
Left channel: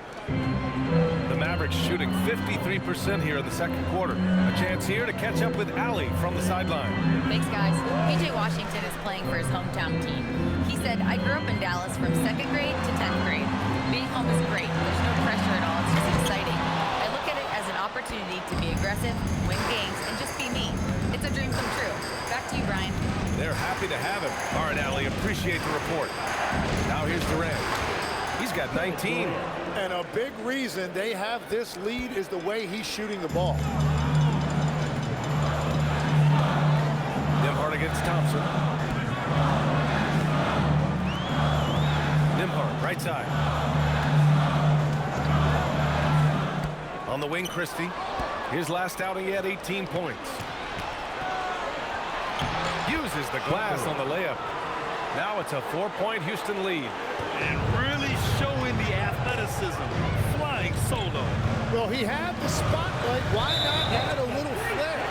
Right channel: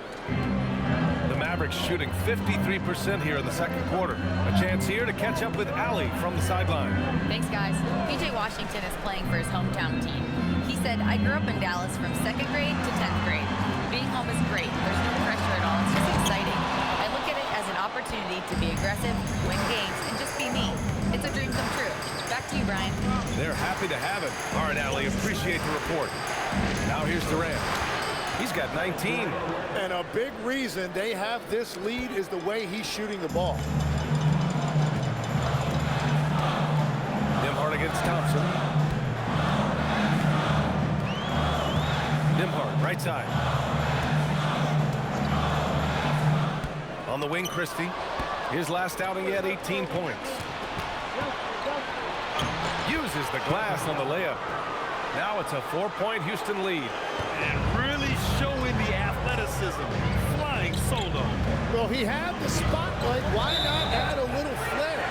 The Mavericks shooting 53% here in the second quarter. A chance here to catch up with Allie from the sideline. Thanks, guys. PJ Washington is playing for his hometown team. He said, I grew up in Dallas from 2nd grade to 10th grade. Being home is great. There's no pressure at all. It's just exciting. I look at it as an opportunity to be aggressive, win games, and just be me. It's a dream come true. Back to you, Brian. They're happy to have him. All right, Allie, appreciate the report. Now here's Durant. He's got 19. And a big reason they have this lead is the way he's shooting the ball. Nembhard against Thompson. Nembhard, right side. On the wing, Christie. His last outing, he had 18 points. Uses the glass on the layup. Now it's a 4-point Houston lead. And really showing the athleticism. Flying solo. Well, he had the spotlight. Why not add a little flair?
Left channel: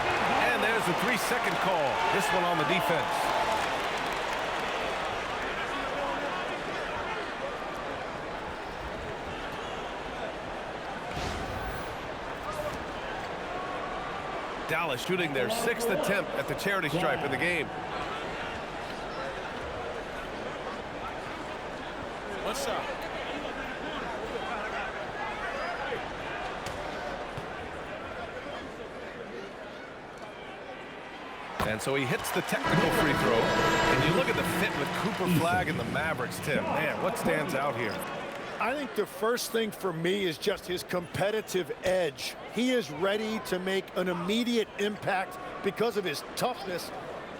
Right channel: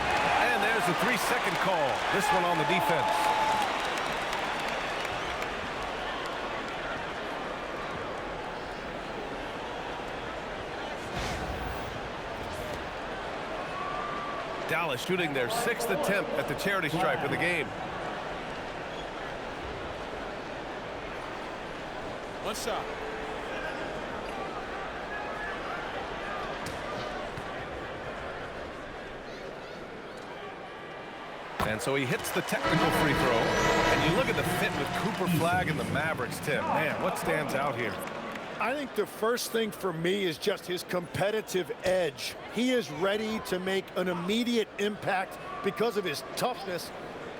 And there's the 3-second call. This one on the defense. Dallas shooting their 6th attempt at the charity stripe in the game. One shot. And so he hits the technical free throw. And you look at the fit with Cooper Flag and the Mavericks, Tim. Man, what stands out here? I think the first thing for me is just his competitive edge. He is ready to make an immediate impact because of his toughness.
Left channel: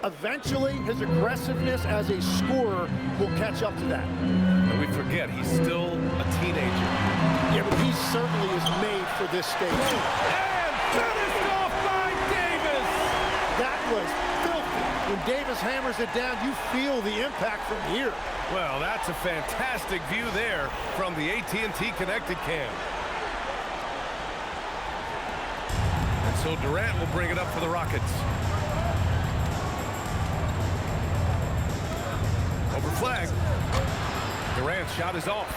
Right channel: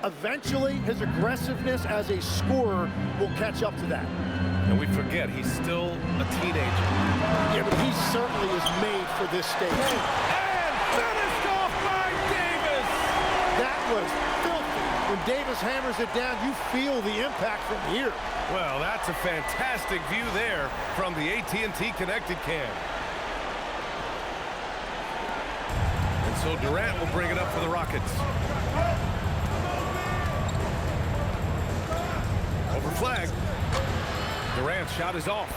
Eventually, his aggressiveness as a scorer will catch up to that. And we forget, he's still a teenager. Yeah, but he certainly is made for this stage. And finished off by Davis! That was filthy. When Davis hammers it down, you feel the impact from here. Well, that's a fantastic view there from the AT&T Connected Cam. And so Durant will bring it up for the Rockets. Over flag. Durant's shot is off.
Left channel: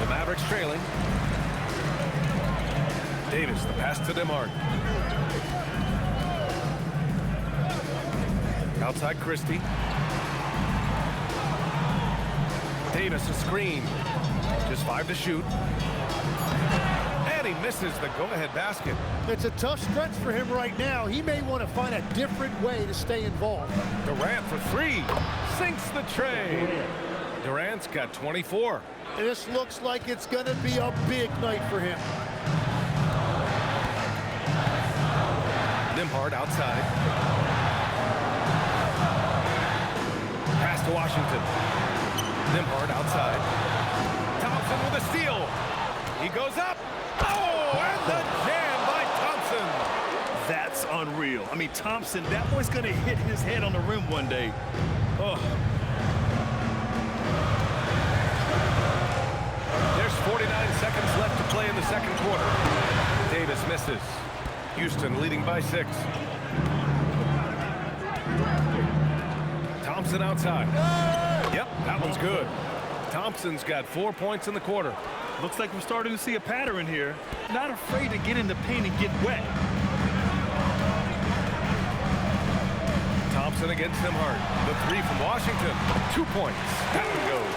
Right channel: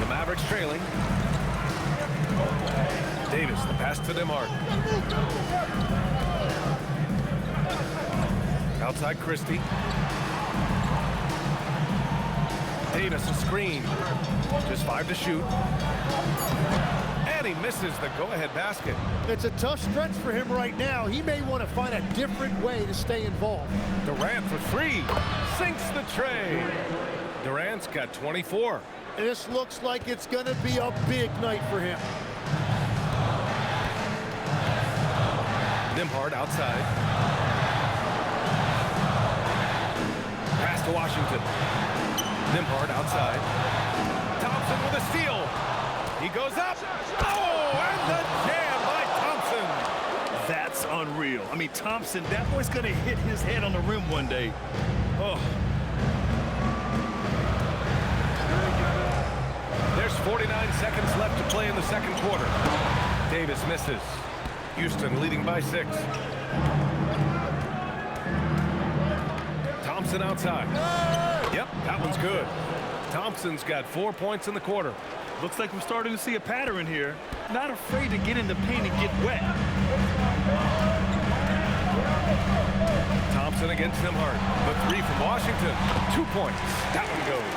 The Mavericks trailing. Davis, the pass to Nembhard. Outside Christie. Davis, a screen. Just 5 to shoot. And he misses the go-ahead basket. It's a tough stretch for him right now. He may want to find a different way to stay involved. Durant for 3. Sinks the tray. Durant's got 24. This looks like it's going to be a big night for him. Nembhard outside. Pass to Washington. Nembhard outside. Thompson with a steal. He goes up. Oh, and the jam by Thompson. That's unreal. I mean, Thompson, that boy's going to hit his head on the rim one day. Oh. There's 49 seconds left to play in the second quarter. Davis misses. Houston leading by 6. Thompson outside. Yep, that one's good. Thompson's got 4 points in the quarter. Looks like we're starting to see a pattern here. Not afraid to get in the paint and get wet. Thompson against Nembhard. The 3 from Washington. 2 points. That one goes.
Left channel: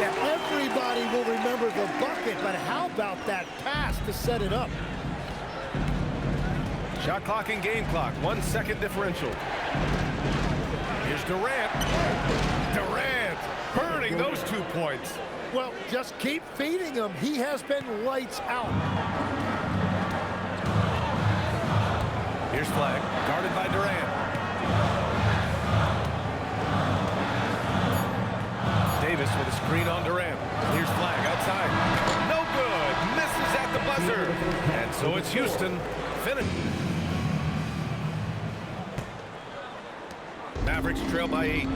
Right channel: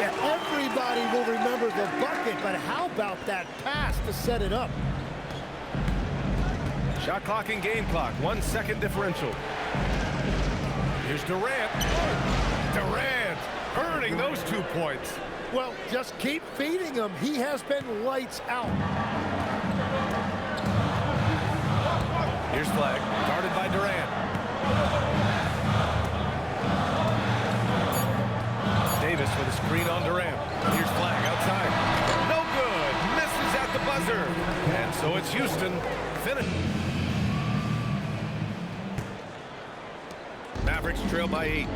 Yeah, everybody will remember the bucket, but how about that pass to set it up? Shot clock and game clock. 1 second differential. Here's Durant. Durant earning those 2 points. Well, just keep feeding him. He has been lights out. Here's flag. Guarded by Durant. Davis with a screen on Durant. Here's flag outside. No good. Misses at the buzzer. And so it's Houston. Finish. Mavericks trail by 8.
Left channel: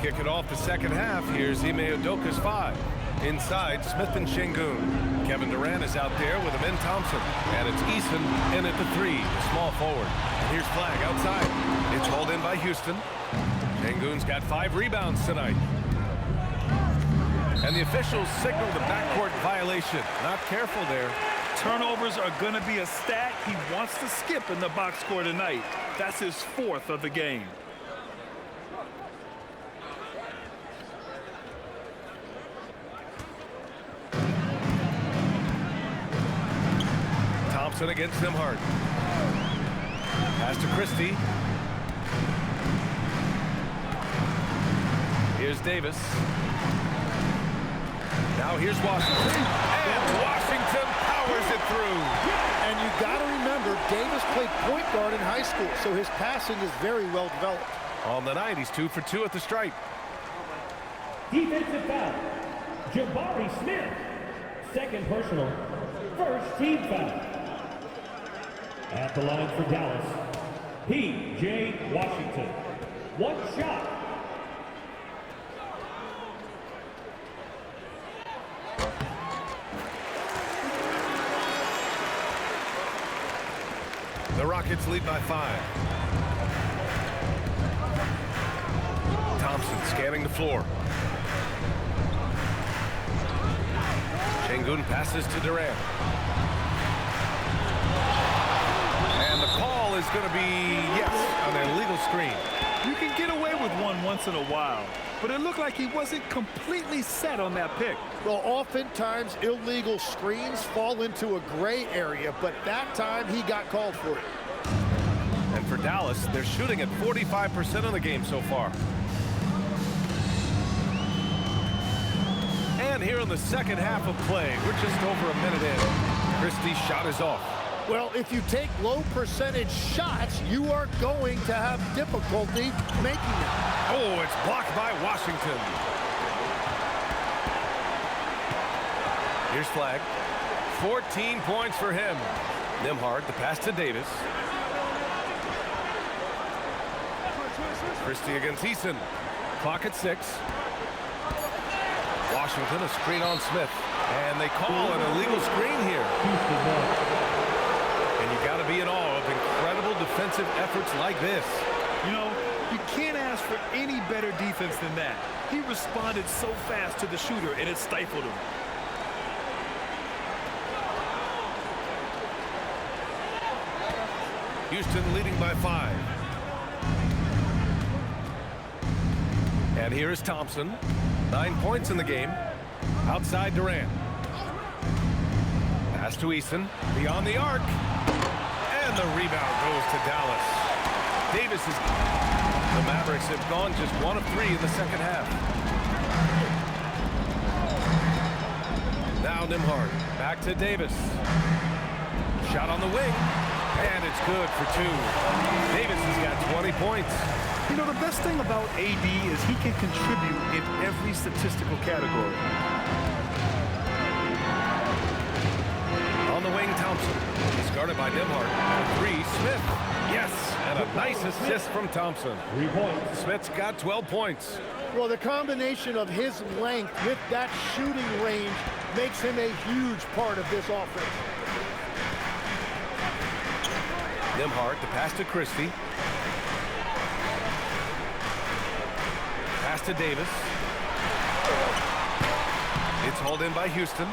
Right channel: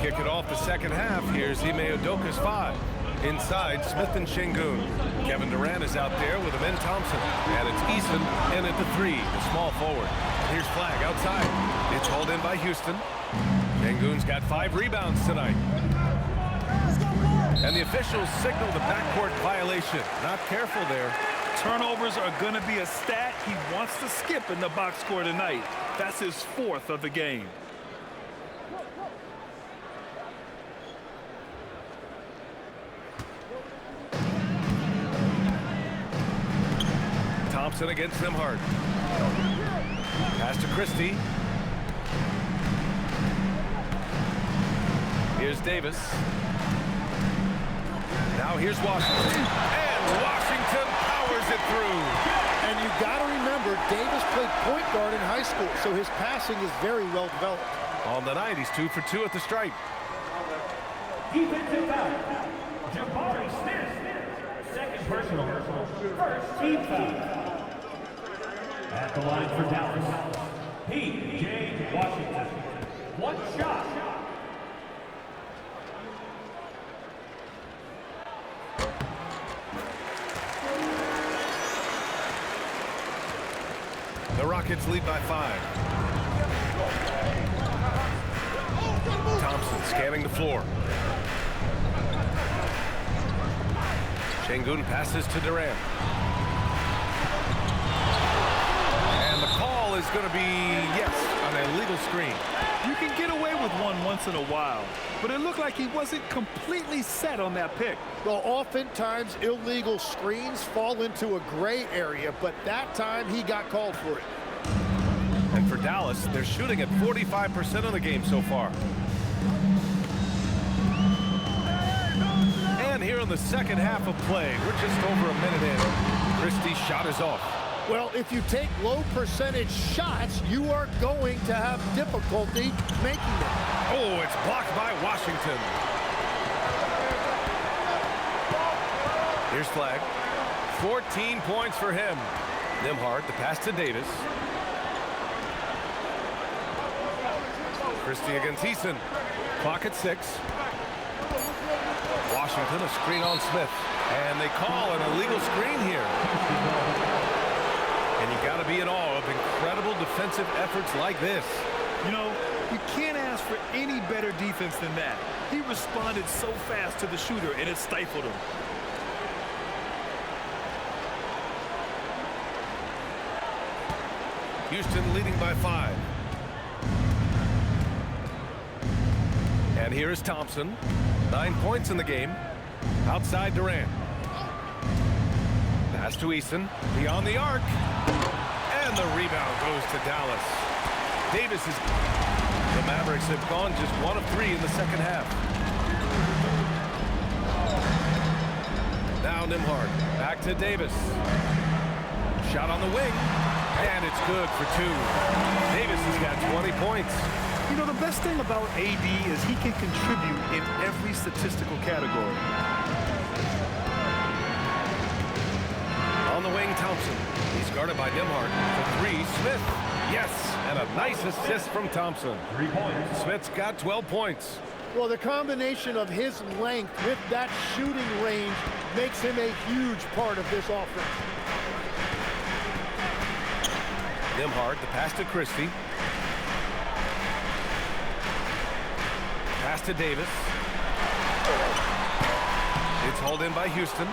Kick it off the second half. Here's Ime Udoka's 5. Inside, Smith and Şengün. Kevin Durant is out there with Amen Thompson. And it's Eason in at the 3, the small forward. And here's flag outside. It's hauled in by Houston. Şengün's got 5 rebounds tonight. And the officials signal the backcourt violation. Not careful there. Turnovers are going to be a stat he wants to skip in the box score tonight. That's his 4th of the game. Thompson against Nembhard. Pass to Christie. Here's Davis. Now here's Washington. And Washington powers it through. And you got to remember, Davis played point guard in high school, so his passing is very well developed. On the night, he's 2 for 2 at the stripe. Defensive foul. Jabari Smith. Second personal. First team foul. At the line for Dallas, P.J. Washington. 1 shot. The Rockets lead by 5. Thompson scanning the floor. Şengün passes to Durant. And the call is going to be, yes, an illegal screen. You can get away with one once in a while, but it looked like he wasn't completely set on that pick. Well, oftentimes illegal screens fall into a gray area, but that time he got called for it. And for Dallas, they're shooting at 45% of the game so far. And here in the second half of play, we're just over a minute in. Christie's shot is off. Well, if you take low percentage shots, you are going to have difficulty making them. Oh, it's blocked by Washington. Here's flag. 14 points for him. Nembhard, the pass to Davis. Christie against Eason. Clock at 6. Washington, a screen on Smith. And they call an illegal screen here. And you got to be in awe of incredible defensive efforts like this. You know, you can't ask for any better defense than that. He responded so fast to the shooter, and it stifled him. Houston leading by 5. And here is Thompson. 9 points in the game. Outside Durant. Pass to Eason. Beyond the arc. And the rebound goes to Dallas. Davis is... The Mavericks have gone just 1 of 3 in the second half. Now Nembhard. Back to Davis. Shot on the wing. And it's good for 2. Davis has got 20 points. You know, the best thing about AD is he can contribute in every statistical category. On the wing, Thompson. He's guarded by Nembhard. For 3, Smith. Yes, and a nice assist from Thompson. 3 points. Smith's got 12 points. Well, the combination of his length with that shooting range makes him a huge part of this offense. Nembhard, the pass to Christie. Pass to Davis. It's hauled in by Houston.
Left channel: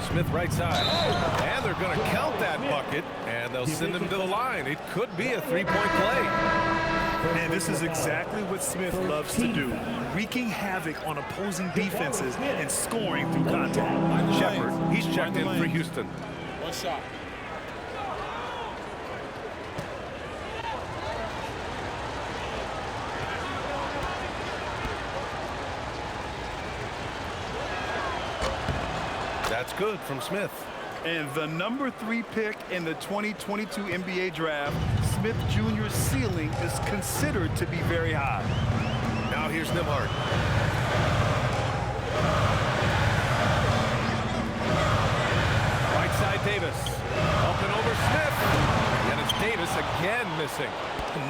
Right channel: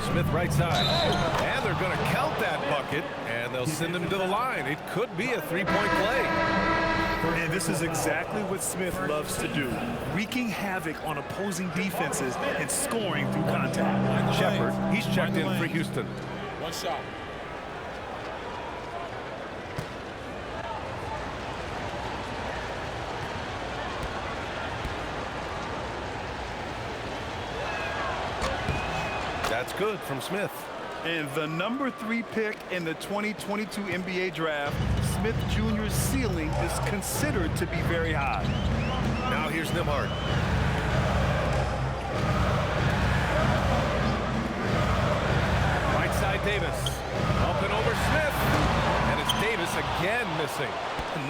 Smith right side. And they're going to count that bucket, and they'll send him to the line. It could be a 3-point play. And this is exactly what Smith loves to do, wreaking havoc on opposing defenses and scoring through contact. Shepard, he's checked in for Houston. One shot. That's good from Smith. And the number 3 pick in the 2022 NBA draft, Smith Jr.'s ceiling is considered to be very high. Now here's Nembhard. Right side Davis. Up and over Smith. And it's Davis again missing.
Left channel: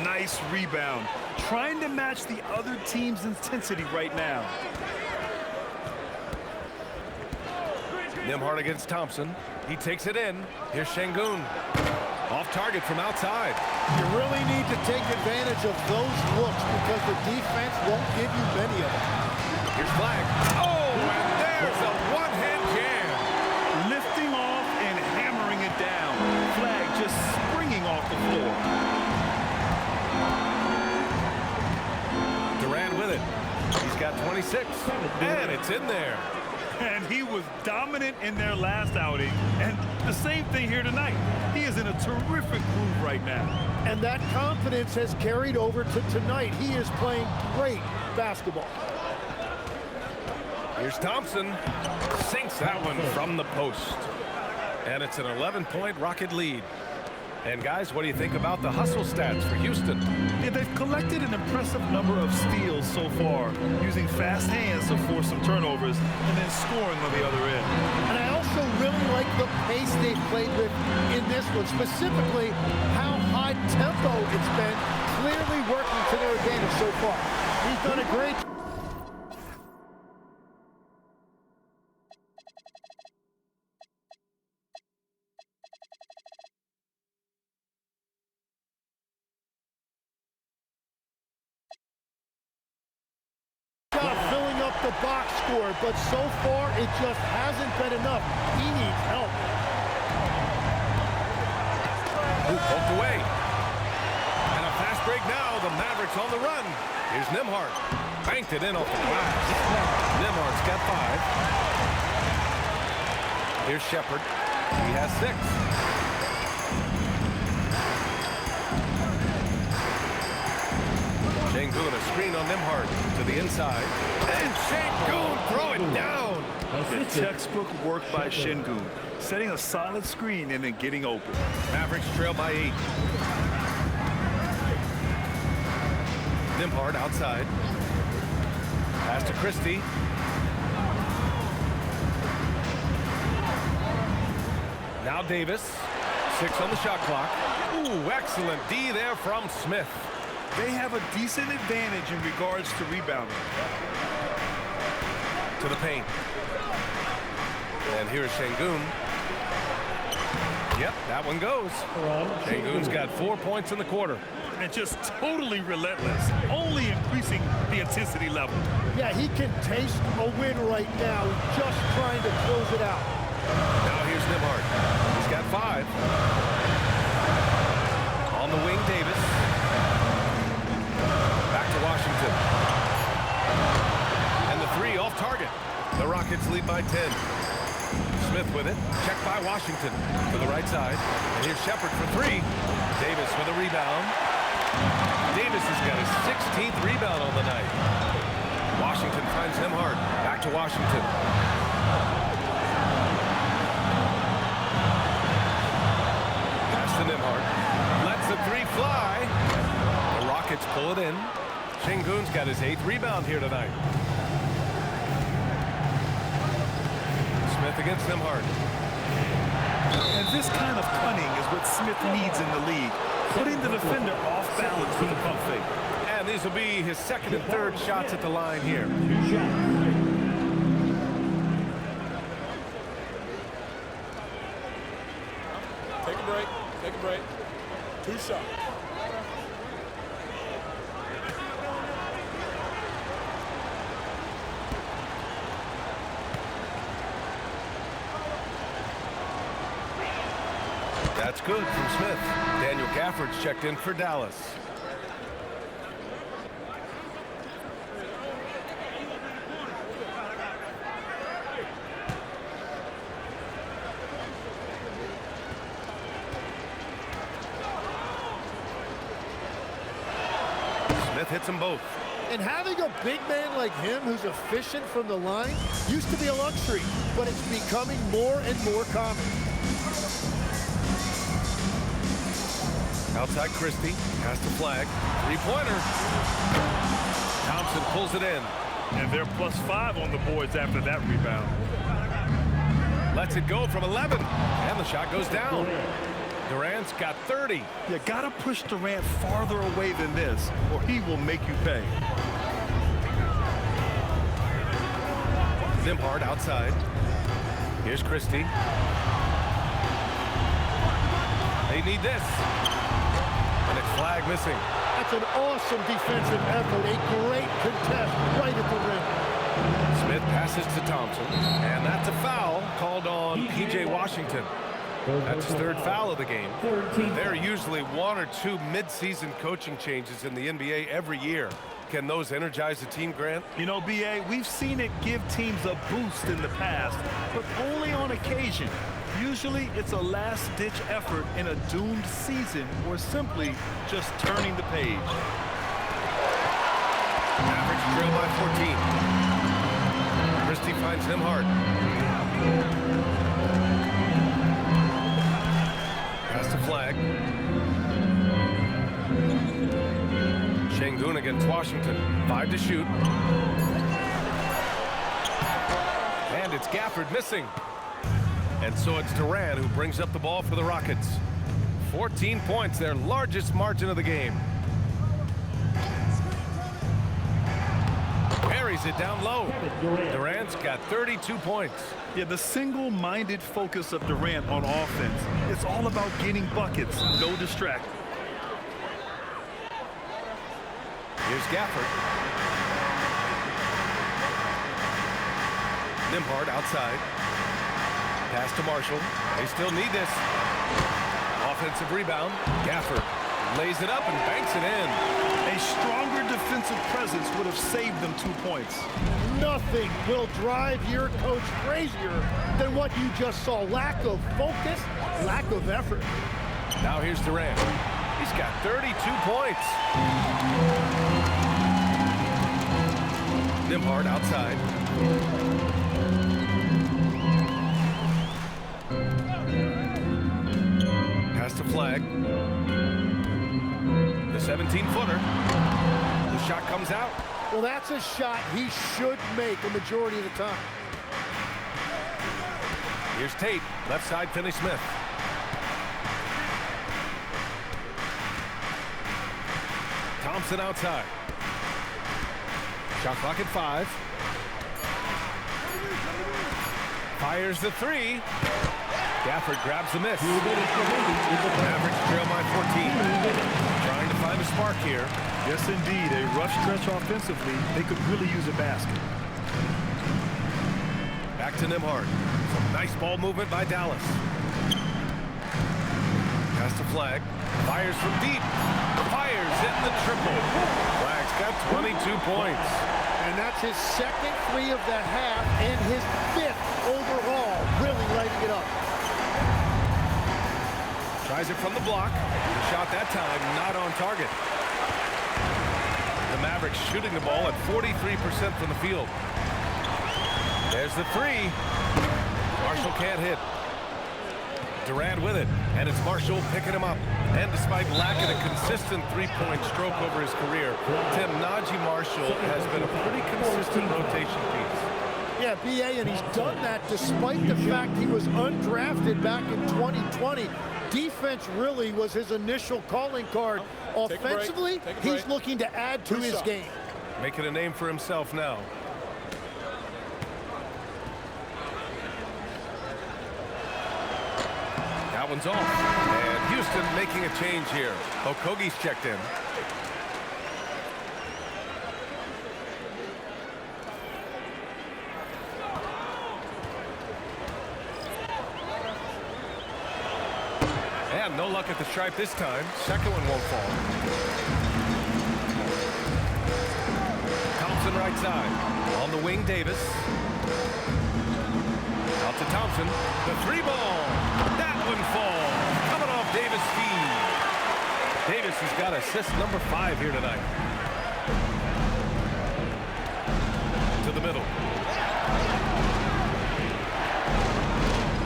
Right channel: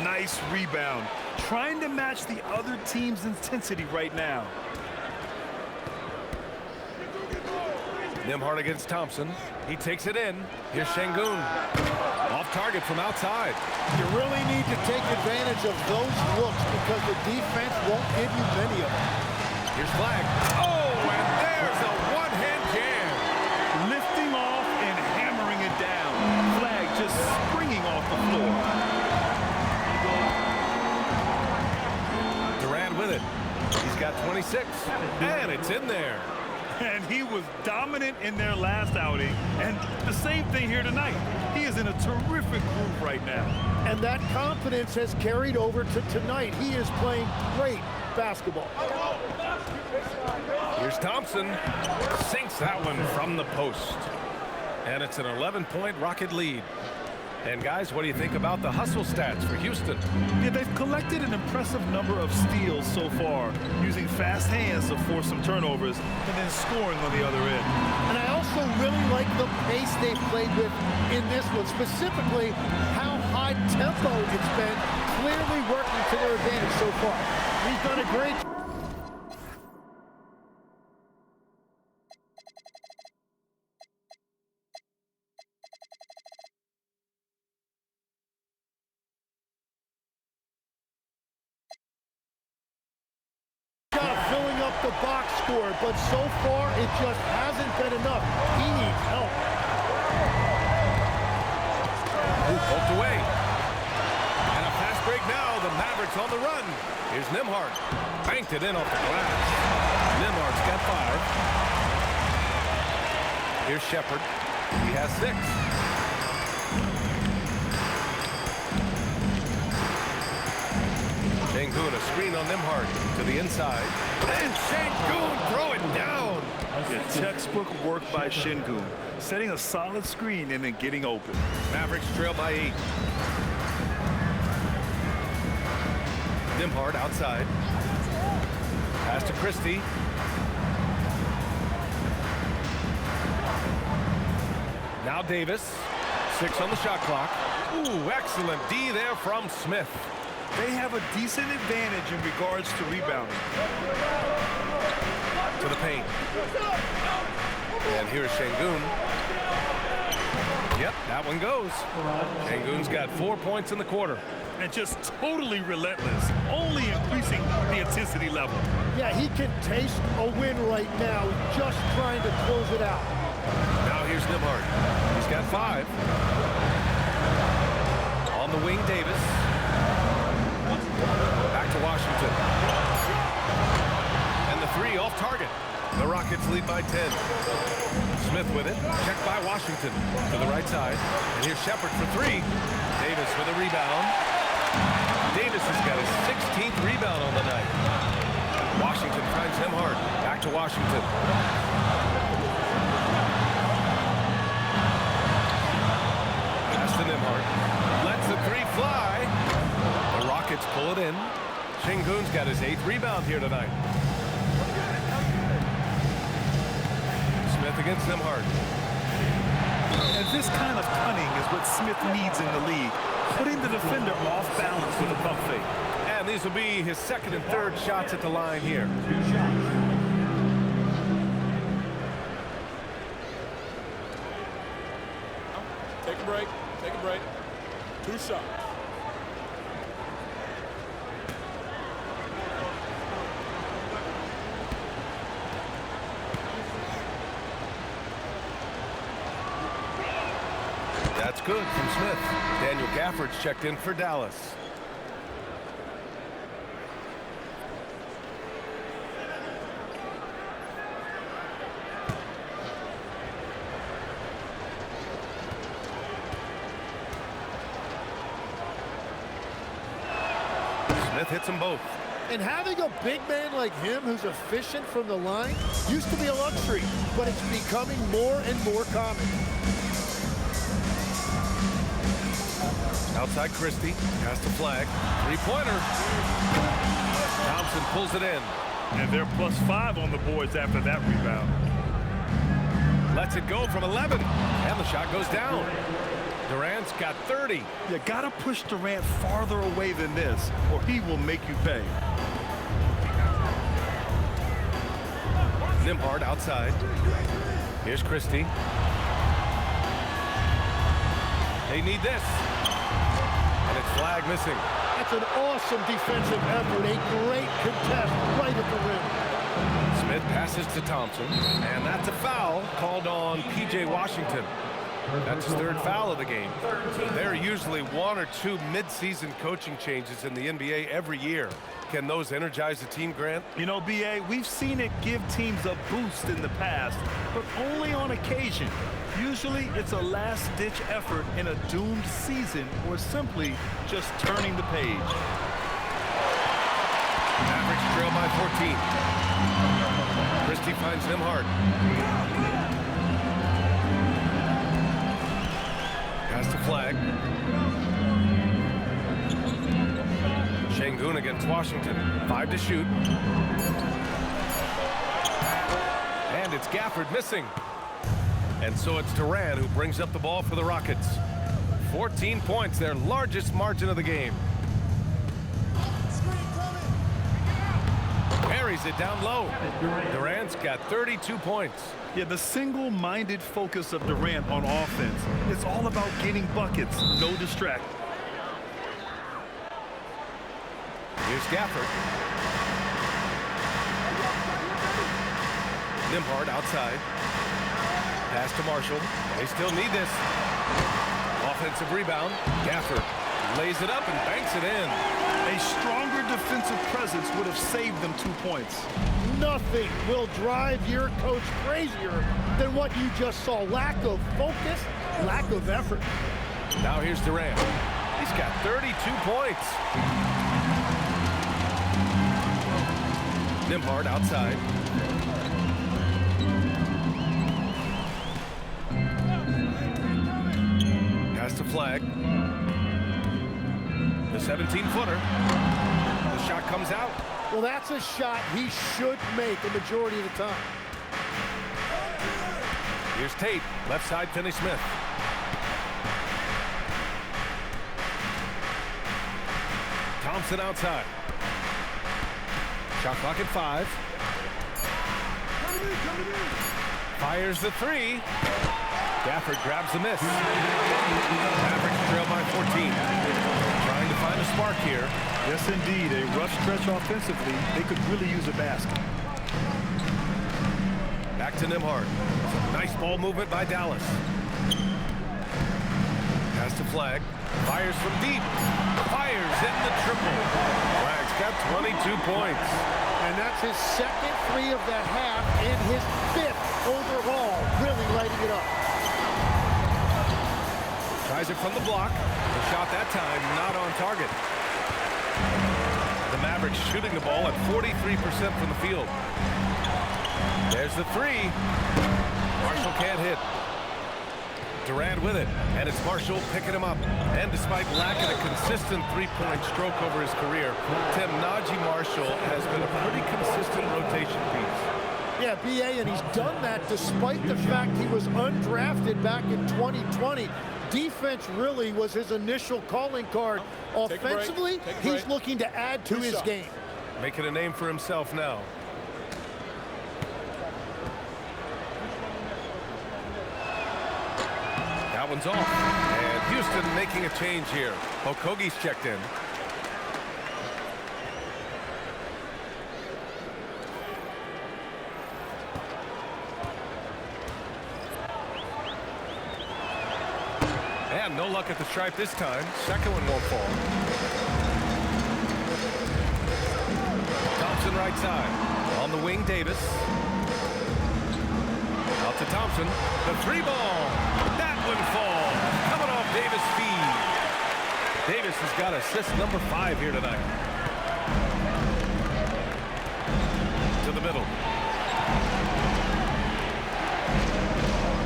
Nice rebound. Trying to match the other team's intensity right now. Nembhard against Thompson. He takes it in. Here's Şengün. Off target from outside. You really need to take advantage of those looks because the defense won't give you many of them. Here's Flag. Oh, and there's a one-hand jam. Lifting off and hammering it down. Flag just springing off the floor. Durant with it. He's got 26. And it's in there. And he was dominant in their last outing. And the same thing here tonight. He is in a terrific groove right now. And that confidence has carried over to tonight. He is playing great basketball. Here's Thompson. Sinks that one from the post. And it's an 11-point Rocket lead. And guys, what do you think about the hustle stats for Houston? Yeah, they've collected an impressive number of steals so far, using fast hands to force some turnovers and then scoring on the other end. And I also really like the pace they've played with in this one, specifically how high tempo it's been, clearly working to their advantage so far. He's done a great job. Filling up the box score, but so far it just hasn't been enough. He needs help. Poked away. And a fast break now. The Mavericks on the run. Here's Nembhard. Banked it in off the glass. Nembhard's got 5. Here's Shepard. He has 6. Şengün, a screen on Nembhard to the inside. And Şengün throw it down. Yeah, textbook work by Şengün, setting a solid screen and then getting open. Mavericks trail by 8. Nembhard outside. Pass to Christie. Now Davis. 6 on the shot clock. Ooh, excellent D there from Smith. They have a decent advantage in regards to rebounding. To the paint. And here's Şengün. Yep, that one goes. Şengün's got 4 points in the quarter. And just totally relentless, only increasing the intensity level. Yeah, he can taste a win right now, just trying to close it out. Now here's Nembhard. He's got 5. On the wing, Davis. Back to Washington. And the 3 off target. The Rockets lead by 10. Smith with it. Checked by Washington to the right side. And here's Shepard for 3. Davis with a rebound. Davis has got his 16th rebound on the night. Washington finds Nembhard. Back to Washington. Pass to Nembhard. Lets the 3 fly. The Rockets pull it in. Şengün's got his 8th rebound here tonight. Smith against Nembhard. And this kind of cunning is what Smith needs in the league, putting the defender off balance with a pump fake. And these will be his 2nd and 3rd shots at the line here. 2 shots. Take a break. Take a break. 2 shots. That's good from Smith. Daniel Gafford's checked in for Dallas. Smith hits them both. And having a big man like him who's efficient from the line used to be a luxury, but it's becoming more and more common. Outside Christie, pass to Flag, 3-pointer. Thompson pulls it in. And they're +5 on the boards after that rebound. Lets it go from 11, and the shot goes down. Durant's got 30. You gotta push Durant farther away than this, or he will make you pay. Nembhard outside. Here's Christie. They need this. And it's Flag missing. That's an awesome defensive effort, a great contest right at the rim. Smith passes to Thompson, and that's a foul called on P.J. Washington. That's his 3rd foul of the game. There are usually 1 or 2 mid-season coaching changes in the NBA every year. Can those energize the team, Grant? You know, B.A., we've seen it give teams a boost in the past, but only on occasion. Usually it's a last-ditch effort in a doomed season or simply just turning the page. Mavericks trail by 14. Christie finds Nembhard. Pass to Flag. Şengün against Washington. 5 to shoot. And it's Gafford missing. And so it's Durant who brings up the ball for the Rockets. 14 points, their largest margin of the game. Carries it down low. Durant's got 32 points. Yeah, the single-minded focus of Durant on offense, it's all about getting buckets, no distract. Here's Gafford. Nembhard outside. Pass to Marshall. They still need this. Offensive rebound. Gafford lays it up and banks it in. A stronger defensive presence would have saved them 2 points. Nothing will drive your coach crazier than what you just saw. Lack of focus, lack of effort. Now here's Durant. He's got 32 points. Nembhard outside. Pass to Flag. The 17-footer. The shot comes out. Well, that's a shot he should make a majority of the time. Here's Tate. Left side, Finney-Smith. Thompson outside. Shot clock at 5. Fires the three. Gafford grabs the miss. Mavericks trail by 14. Trying to find a spark here. Yes, indeed. A rough stretch offensively. They could really use a basket. Back to Nembhard. Some nice ball movement by Dallas. Pass to Flag. Fires from deep. Fires in the triple. Flag's got 22 points. And that's his second three of the half and his 5th overall. Really lighting it up. Tries it from the block. The shot that time not on target. The Mavericks shooting the ball at 43% from the field. There's the three. Marshall can't hit. Durant with it, and it's Marshall picking him up. And despite lacking a consistent three-point stroke over his career, Tim, Najee Marshall has been a pretty consistent rotation piece. Yeah, B.A., and he's done that despite the fact he was undrafted back in 2020. Defense really was his initial calling card. Offensively, he's looking to add to his game. Making a name for himself now. That one's off. And Houston making a change here. Okogie's checked in. And no luck at the stripe this time. Second one won't fall. Thompson right side. On the wing, Davis. Out to Thompson. The three ball. That one falls. Coming off Davis' feed. Davis has got assist number 5 here tonight. To the middle.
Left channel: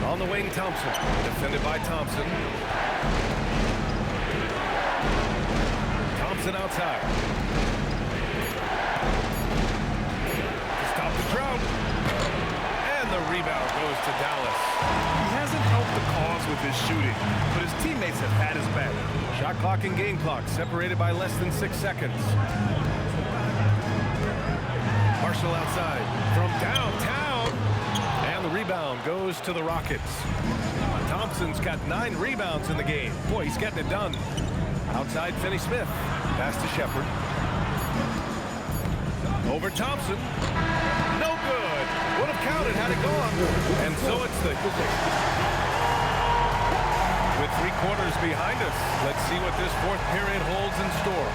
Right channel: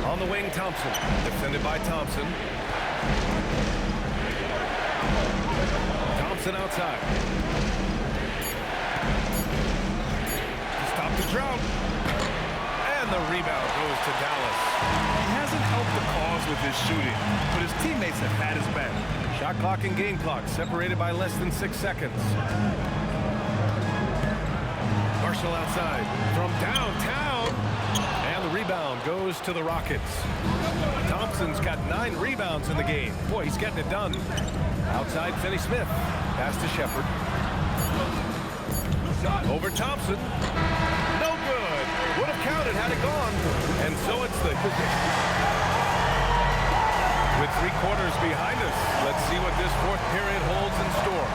On the wing, Thompson. Defended by Thompson. Thompson outside. To stop the drought. And the rebound goes to Dallas. He hasn't helped the cause with his shooting, but his teammates have had his back. Shot clock and game clock separated by less than 6 seconds. Marshall outside from downtown. And the rebound goes to the Rockets. Thompson's got 9 rebounds in the game. Boy, he's getting it done. Outside, Finney-Smith. Pass to Shepard. Over Thompson. No good. Would have counted had it gone. And so it's the position. With 3 quarters behind us, let's see what this 4th period holds in store.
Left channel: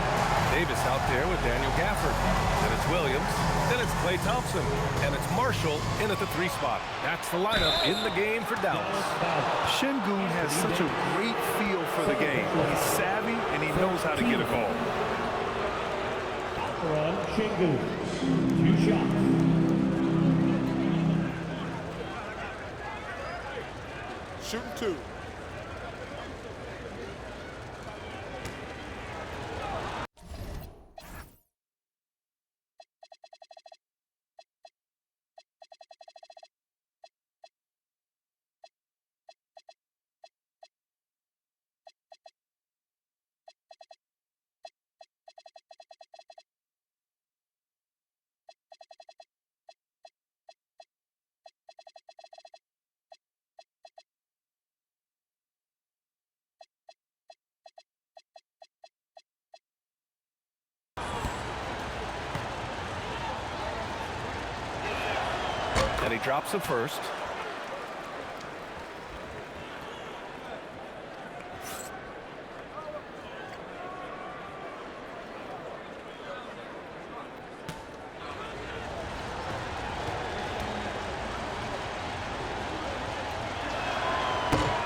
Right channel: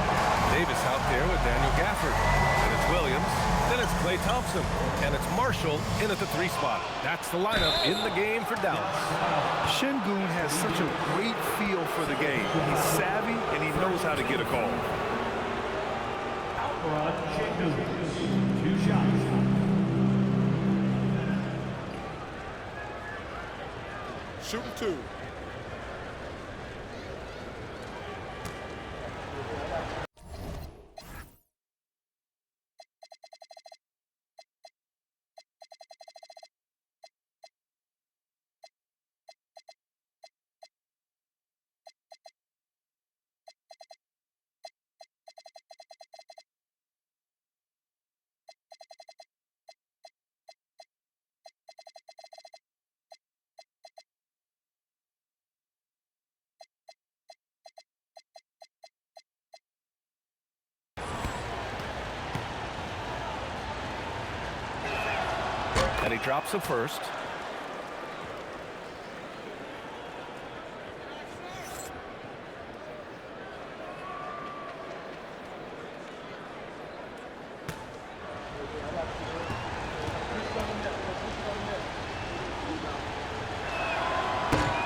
Davis out there with Daniel Gafford. Then it's Williams. Then it's Klay Thompson. And it's Marshall in at the 3 spot. That's the lineup in the game for Dallas. Şengün has such a great feel for the game. He's savvy and he knows how to get a call. Run, Şengün. 2 shots. Shooting 2. And he drops the first.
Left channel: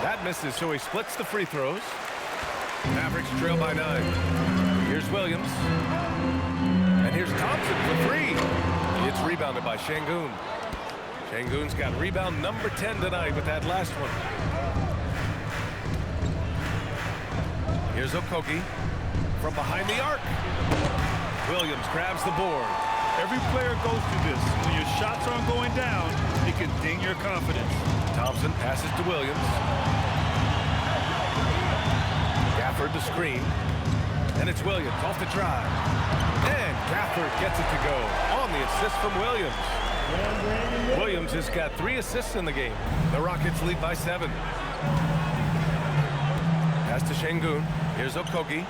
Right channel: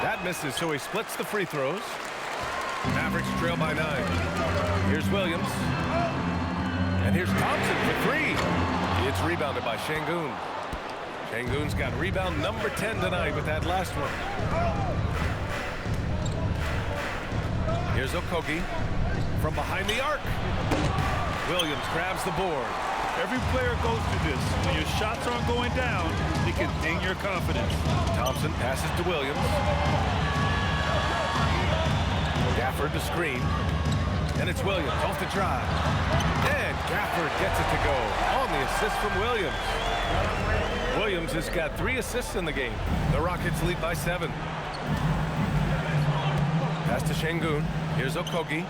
That misses, so he splits the free throws. Mavericks trail by 9. Here's Williams. And here's Thompson for 3. It's rebounded by Şengün. Şengün's got rebound number 10 tonight with that last one. Here's Okogie from behind the arc. Williams grabs the board. Every player goes through this. When your shots aren't going down, it can ding your confidence. Thompson passes to Williams. Gafford the screen. And it's Williams off the drive. And Gafford gets it to go on the assist from Williams. Williams has got 3 assists in the game. The Rockets lead by 7. Pass to Şengün. Here's Okogie.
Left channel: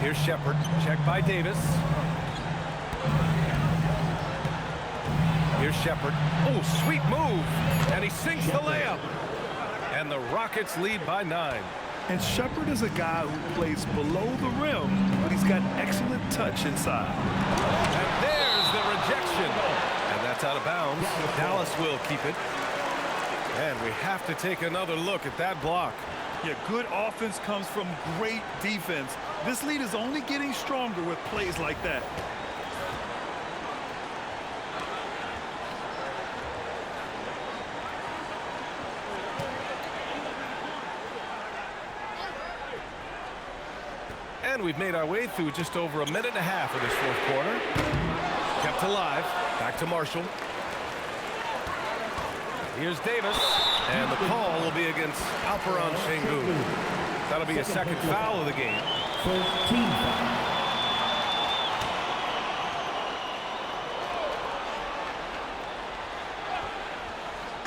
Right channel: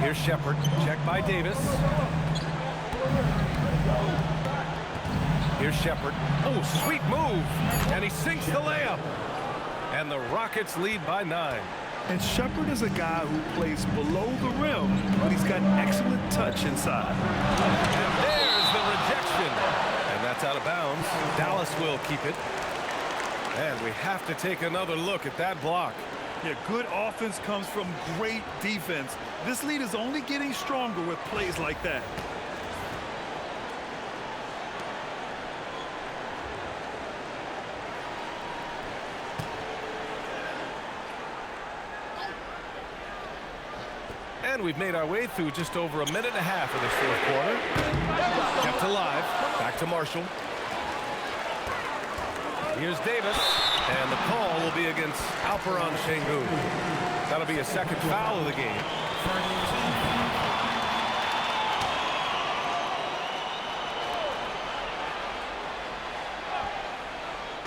Here's Shepard. Check by Davis. Here's Shepard. Oh, sweet move. And he sinks the layup. And the Rockets lead by 9. And Shepard is a guy who plays below the rim, but he's got excellent touch inside. And there's the rejection. And that's out of bounds. Dallas will keep it. And we have to take another look at that block. Yeah, good offense comes from great defense. This lead is only getting stronger with plays like that. And we've made our way through just over a minute and a half of this 4th quarter. Kept alive. Back to Marshall. Here's Davis. And the call will be against Alperen Şengün. That'll be a 2nd foul of the game. First team foul.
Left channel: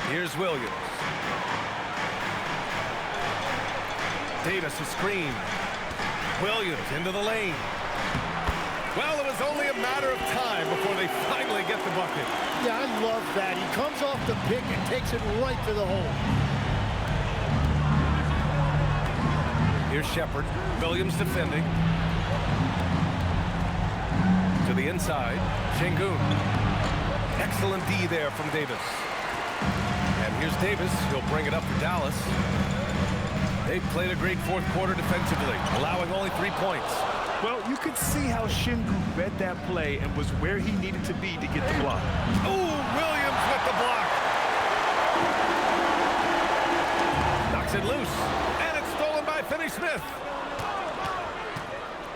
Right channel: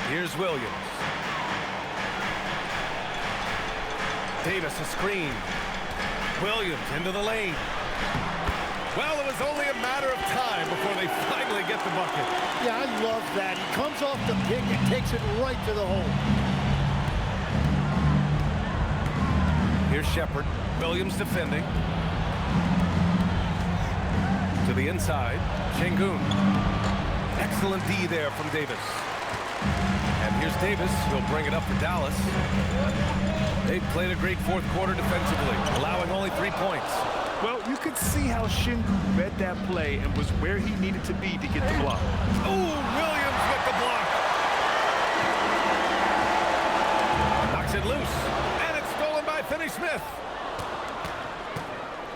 Here's Williams. Davis a screen. Williams into the lane. Well, it was only a matter of time before they finally get the bucket. Yeah, I love that. He comes off the pick and takes it right to the hole. Here's Shepard. Williams defending. To the inside. Şengün. Excellent D there from Davis. And here's Davis. He'll bring it up for Dallas. They've played a great 4th quarter defensively, allowing only 3 points. Well, you could see how Şengün read that play and was where he needed to be to get the block. Oh, Williams with the block. Knocks it loose. And it's stolen by Finney-Smith.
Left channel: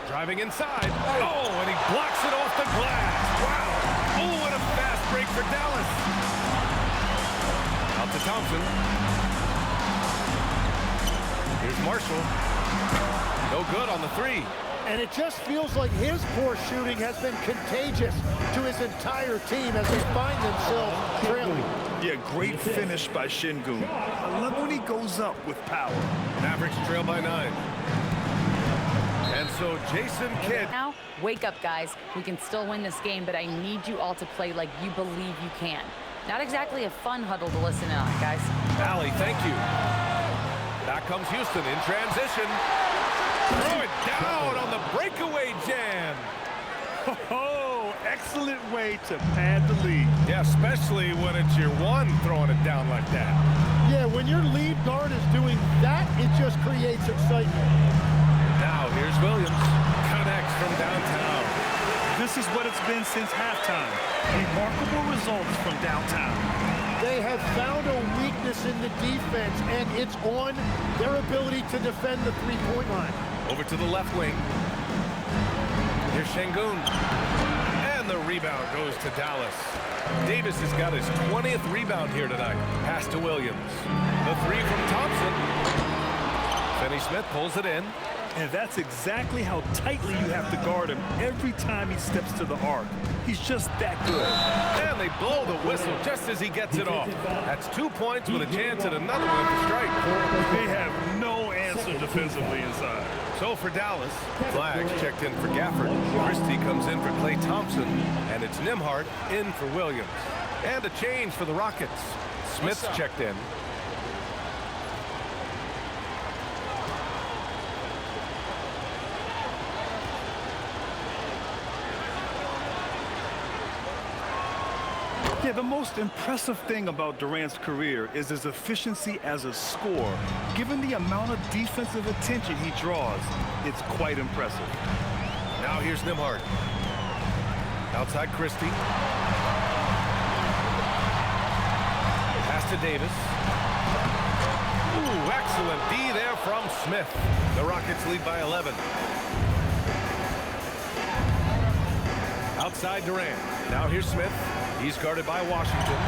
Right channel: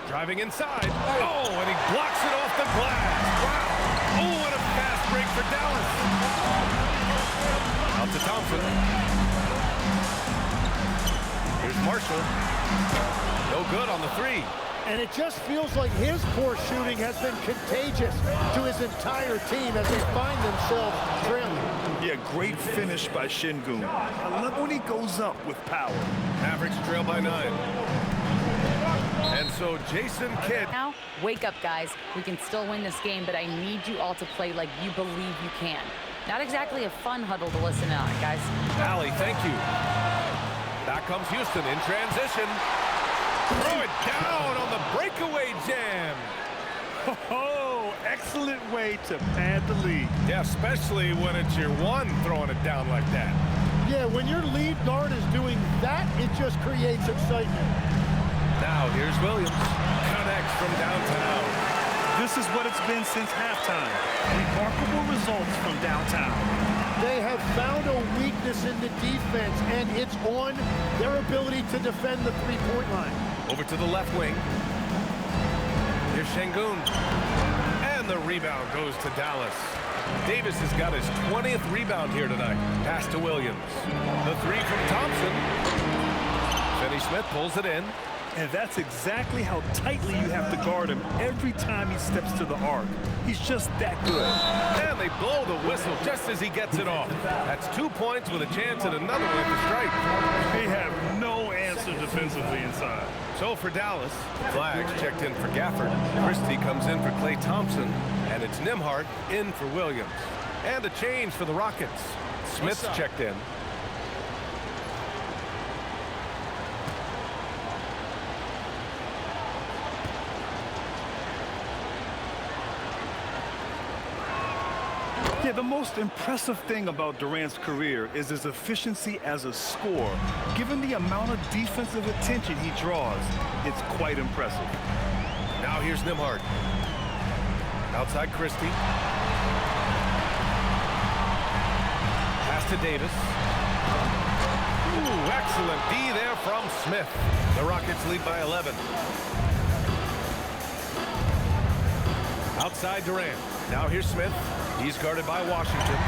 Driving inside. Oh, and he blocks it off the glass. Wow. Oh, and a fast break for Dallas. Out to Thompson. Here's Marshall. No good on the 3. And it just feels like his poor shooting has been contagious to his entire team as they find themselves trailing. Yeah, great finish by Şengün. I love when he goes up with power. Mavericks trail by 9. And so Jason Kidd. Now, wake up, guys. We can still win this game, but I need you all to play like you believe you can. Not exactly a fun huddle to listen in on, guys. Allie, thank you. Back comes Houston in transition. Throw it down on the breakaway jam. Oh, excellent way to pad the lead. Yeah, especially when it's your one throwing it down like that. Yeah, when your lead guard is doing that, it just creates excitement. Now here's Williams. Connects from downtown. This is what it's been since halftime. Remarkable results from downtown. They have found a weakness in the defense, and it's on their ability to defend the three-point line. Over to the left wing. Here's Şengün. And the rebound goes to Dallas. Davis has got his 20th rebound here tonight. Pass to Williams. The 3 from Thompson. Finney-Smith pulls it in. And that's exactly how tightly you have to guard him every time he steps to the arc. He's just that good. And they blow the whistle just as he gets it off. That's 2 points with a chance at another one at the stripe. They have no answer defensively inside. So for Dallas, Flags checked in for Gafford. Christie comes in for Klay Thompson. And it's Nembhard in for Williams. And a change for the Rockets. Smith's checked in. Yeah, the most impressive thing about Durant's career is his efficiency as a scorer. Given the amount of defensive attention he draws, it's quite impressive. Now here's Nembhard. Outside Christie. Pass to Davis. Ooh, excellent D there from Smith. The Rockets lead by 11. Outside Durant. Now here's Smith. He's guarded by Washington.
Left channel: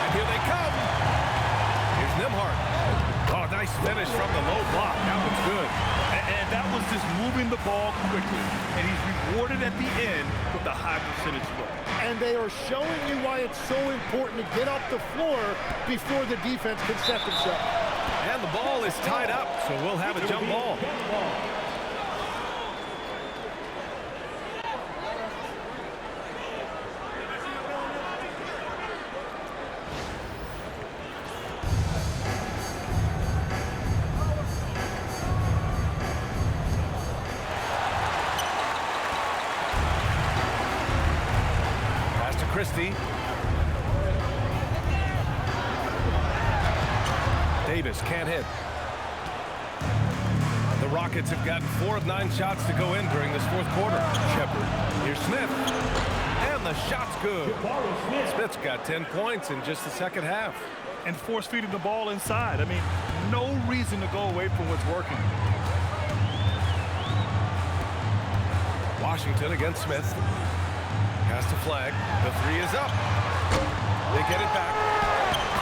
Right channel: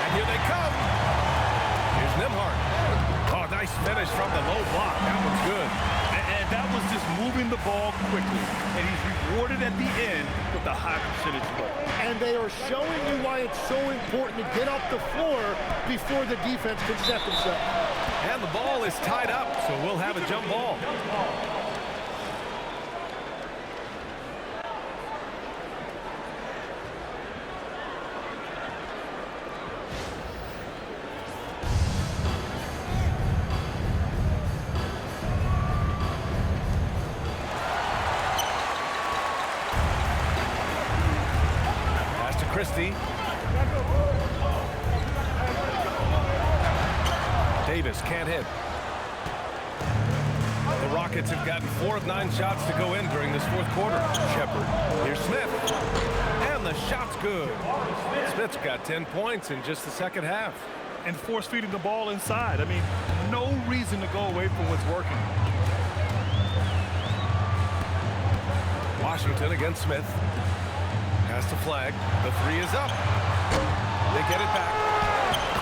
And here they come. Here's Nembhard. Oh, nice finish from the low block. That one's good. And that was just moving the ball quickly. And he's rewarded at the end with the high percentage look. And they are showing you why it's so important to get off the floor before the defense can set themselves. And the ball is tied up, so we'll have a jump ball. Pass to Christie. Davis can't hit. The Rockets have gotten 4 of 9 shots to go in during this fourth quarter. Shepard. Here's Smith. And the shot's good. Smith's got 10 points in just the second half. And force feeding the ball inside. I mean, no reason to go away from what's working. Washington against Smith. Pass to Flag. The 3 is up. They get it back.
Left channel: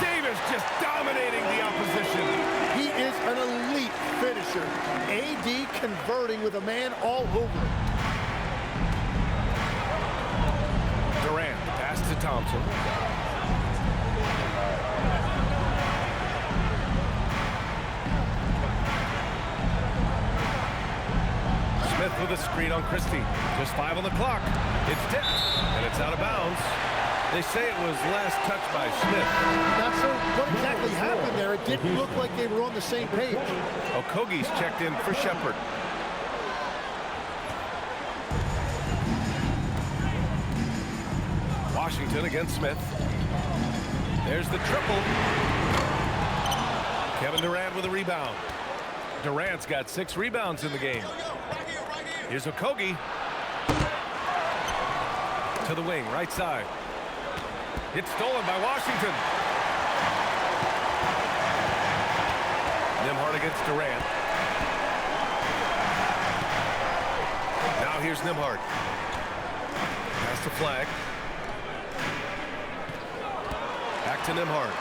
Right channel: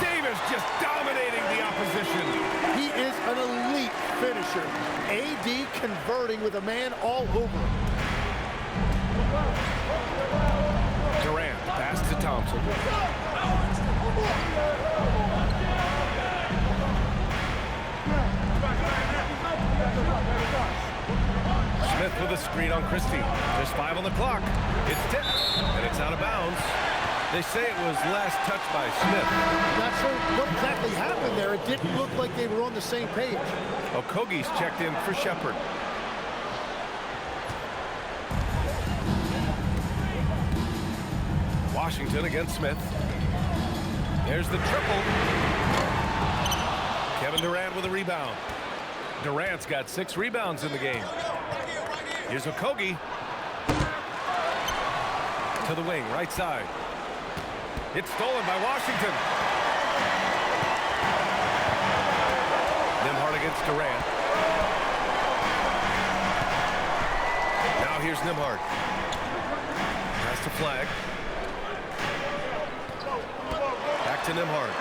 Davis just dominating the opposition. He is an elite finisher. AD converting with a man all over him. Durant, pass to Thompson. Smith with a screen on Christie. Just 5 on the clock. It's tipped, and it's out of bounds. They say it was last touched by Smith. Not sure what exactly happened there. It didn't look like they were on the same page. Okogie's checked in for Shepard. Washington against Smith. There's the triple. Kevin Durant with a rebound. Durant's got 6 rebounds in the game. Here's Okogie. To the wing, right side. It's stolen by Washington. Nembhard against Durant. Now here's Nembhard. Pass to Flag. Back to Nembhard.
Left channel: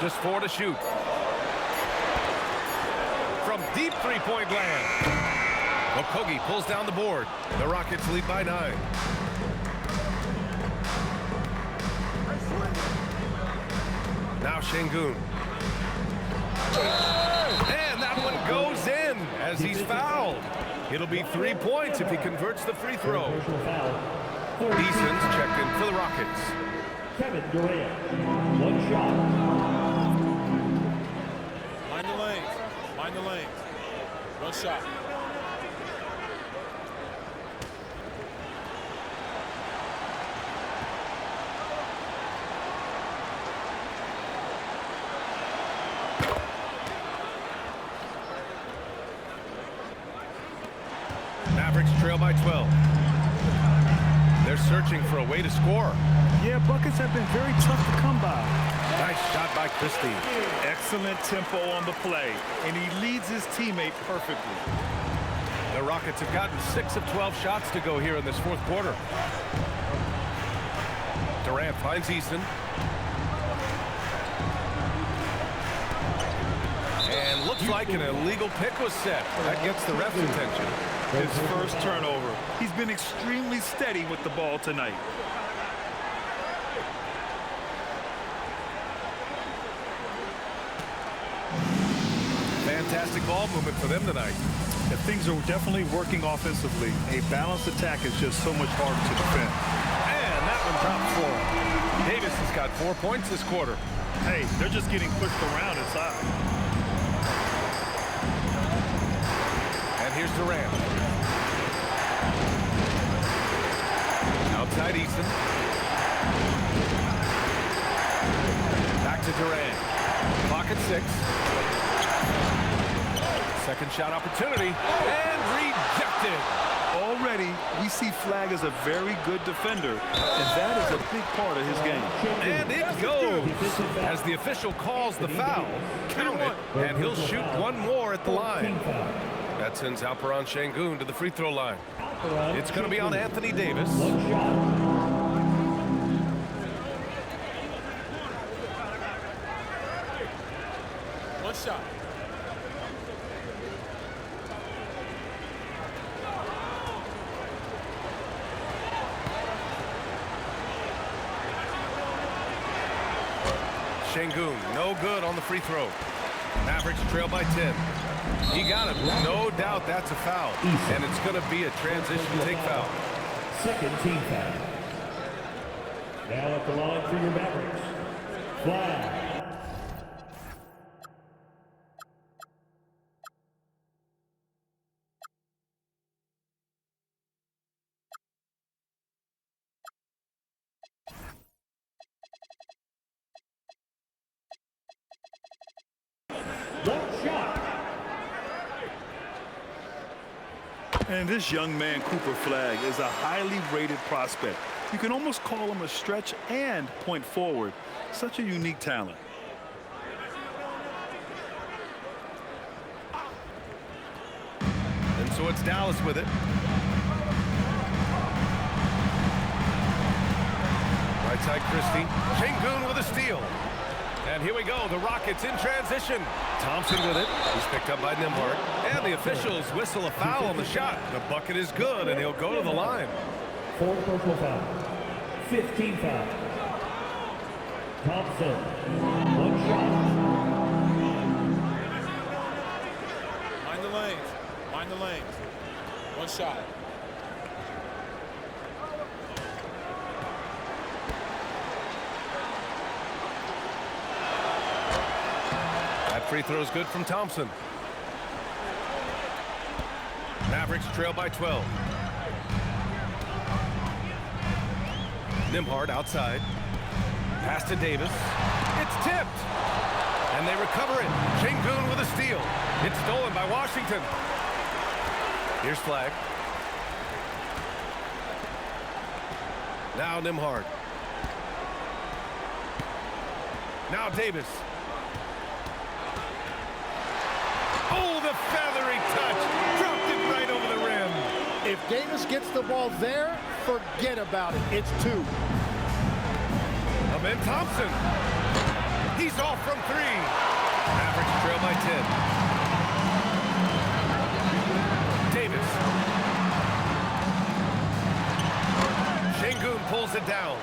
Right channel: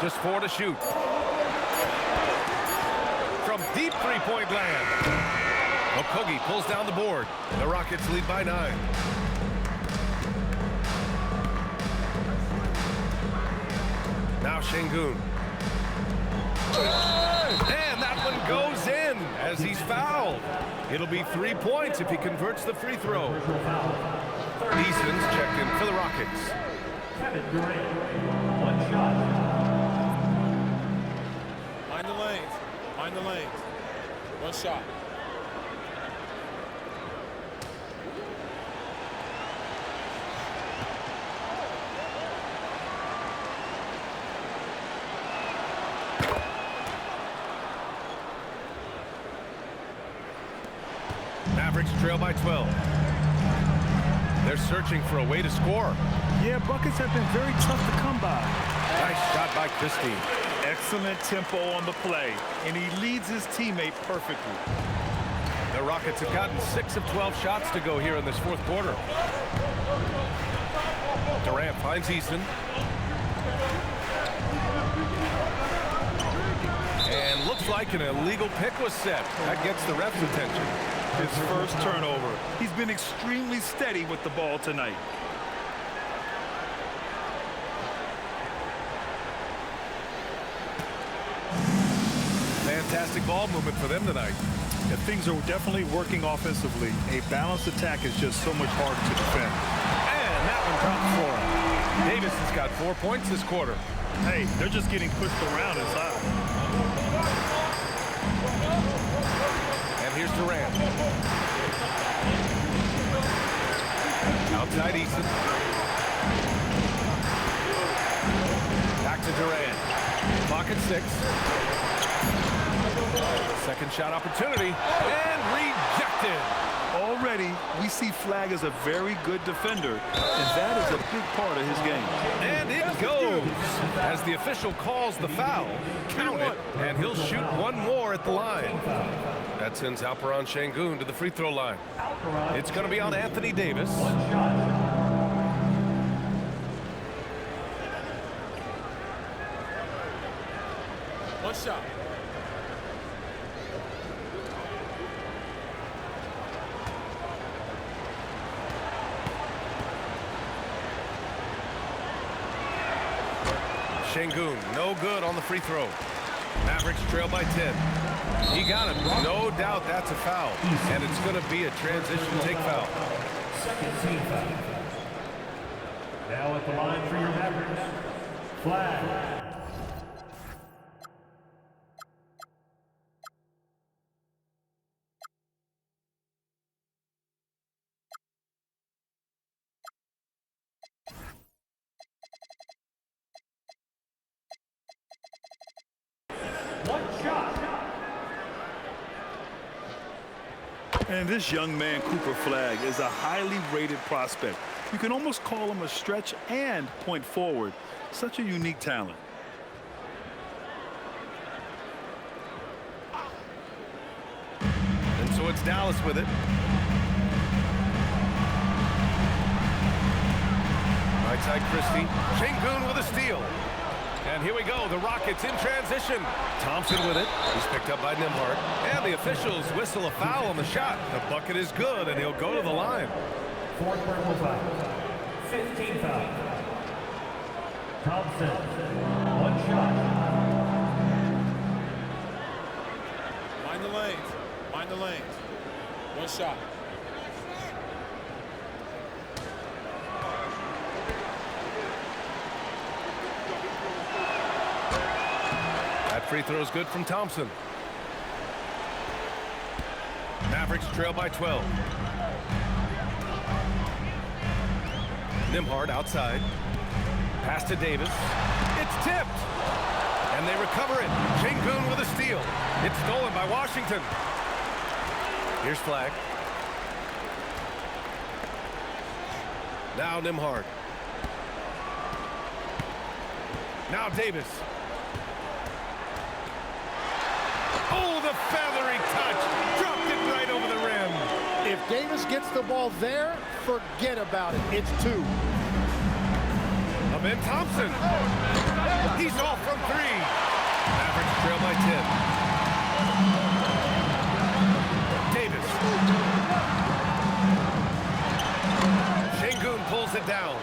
Just 4 to shoot. From deep three-point land. Okogie pulls down the board. The Rockets lead by 9. Now Şengün. And that one goes in as he's fouled. It'll be 3 points if he converts the free throw. Eason's checked in for the Rockets. Kevin Durant, 1 shot. Mind the lanes. Mind the lanes. 1 shot. Mavericks trail by 12. They're searching for a way to score. Yeah, buckets have been very tough to come by. Nice shot by Christie. Excellent tempo on the play, and he leads his teammate perfectly. The Rockets have gotten 6 of 12 shots to go here in this fourth quarter. Durant finds Eason. And looks like an illegal pick was set. That gets the ref's attention. His first turnover. He's been extremely steady with the ball tonight. Fantastic ball movement for them tonight. Yeah, things are definitely working offensively. A balanced attack is just so much harder to defend. And that one drops for him. Davis has got 4 points this quarter. Hey, they're just getting pushed around inside. And here's Durant. Outside Eason. Back to Durant. Clock at 6. Second shot opportunity. And rejected. Already, we see Flag as a very good defender, and that is a big part of his game. And it goes. As the official calls the foul, count it, and he'll shoot 1 more at the line. That sends Alperen Şengün to the free throw line. It's going to be on Anthony Davis. 1 shot. One shot. Şengün, no good on the free throw. Mavericks trail by 10. He got it. No doubt that's a foul. And it's going to be a transition take foul. Second team foul. Now at the line for your Mavericks. Flag. One shot. And this young man, Cooper Flagg, is a highly rated prospect. You can almost call him a stretch and point forward. Such a unique talent. And so it's Dallas with it. Right side, Christie. Şengün with a steal. And here we go, the Rockets in transition. Thompson with it. He's picked up by Nembhard. And the officials whistle a foul on the shot. The bucket is good, and he'll go to the line. Fourth personal foul. 15 foul. Thompson. One shot. Mind the lanes. Mind the lanes. One shot. That free throw is good from Thompson. Mavericks trail by 12. Nembhard outside. Pass to Davis. It's tipped. And they recover it. Şengün with a steal. It's stolen by Washington. Here's Flagg. Now Nembhard. Now Davis. Oh, the feathery touch. Dropped it right over the rim. If Davis gets the ball there, forget about it. It's two. Ben Thompson. He's off from three. Mavericks trail by 10. Davis. Şengün pulls it down.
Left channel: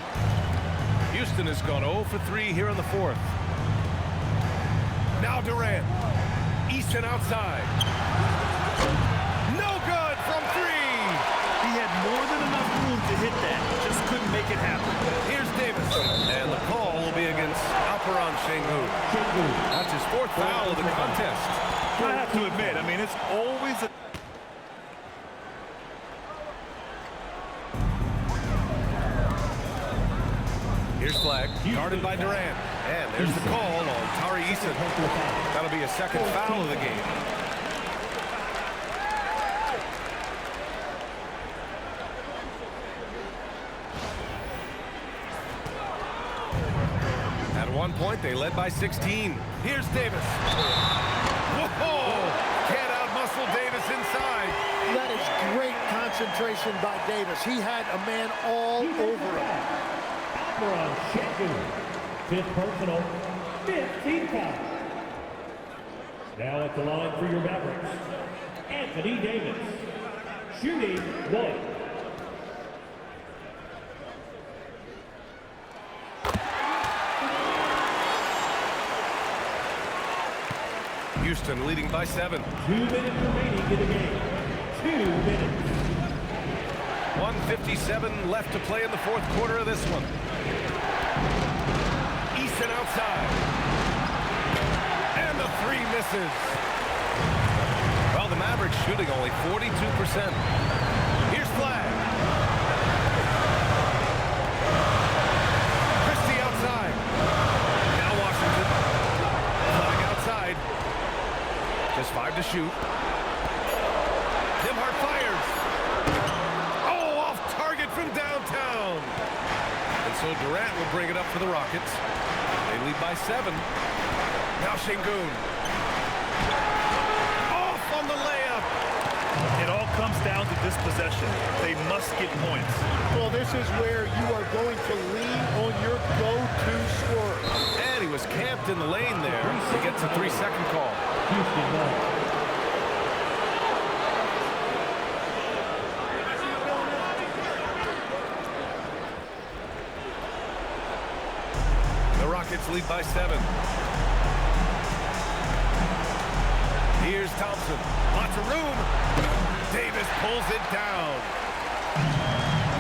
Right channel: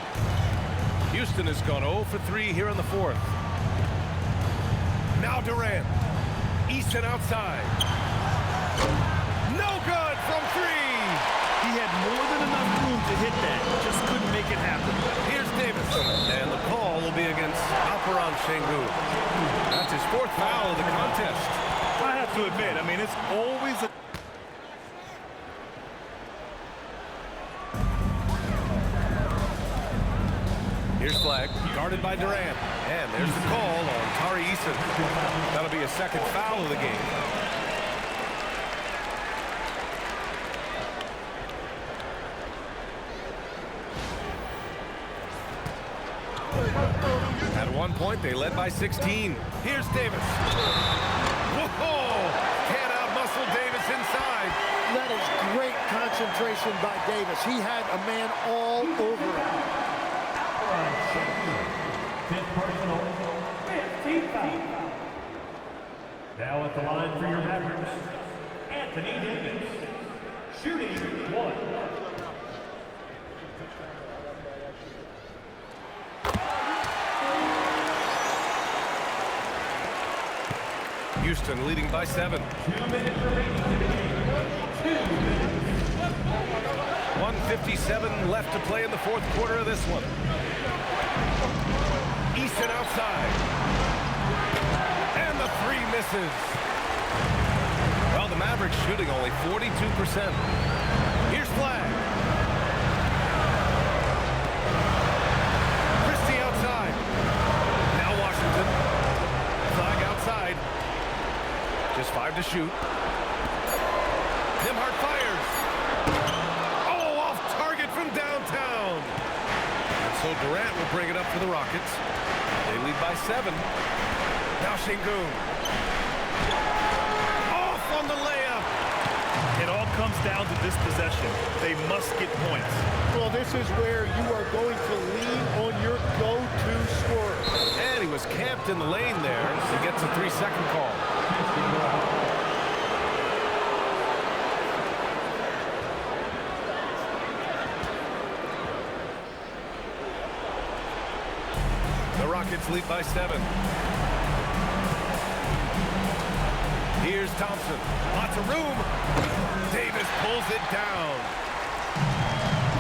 Houston has gone 0 for 3 here in the fourth. Now Durant. Easton outside. No good from three. He had more than enough room to hit that. Just couldn't make it happen. Here's Davis. And the call will be against Alperen Şengün. That's his fourth foul of the contest. I have to admit, I mean, it's always a... Here's Flagg, guarded by Durant. And there's the call on Tari Eason. That'll be a second foul of the game. At one point, they led by 16. Here's Davis. Whoa! Can't outmuscle Davis inside. That is great concentration by Davis. He had a man all over him. Alperen Şengün. Fifth personal. 15 foul. Now at the line for your Mavericks, Anthony Davis. Shooting one. Houston leading by 7. 2 minutes remaining in the game. 2 minutes. 1:57 left to play in the fourth quarter of this one. Easton outside. And the three misses. Well, the Mavericks shooting only 42%. Here's Flagg. Christie outside. Now Washington. Flagg outside. Just 5 to shoot. Nembhard fires. Oh, off target from downtown. And so Durant will bring it up for the Rockets. They lead by 7. Now Şengün. Off on the layup. It all comes down to this possession. They must get points. Well, this is where you are going to lean on your go-to scorer. And he was camped in the lane there. He gets a 3-second call. Houston ball. The Rockets lead by 7. Here's Thompson. Lots of room. Davis pulls it down.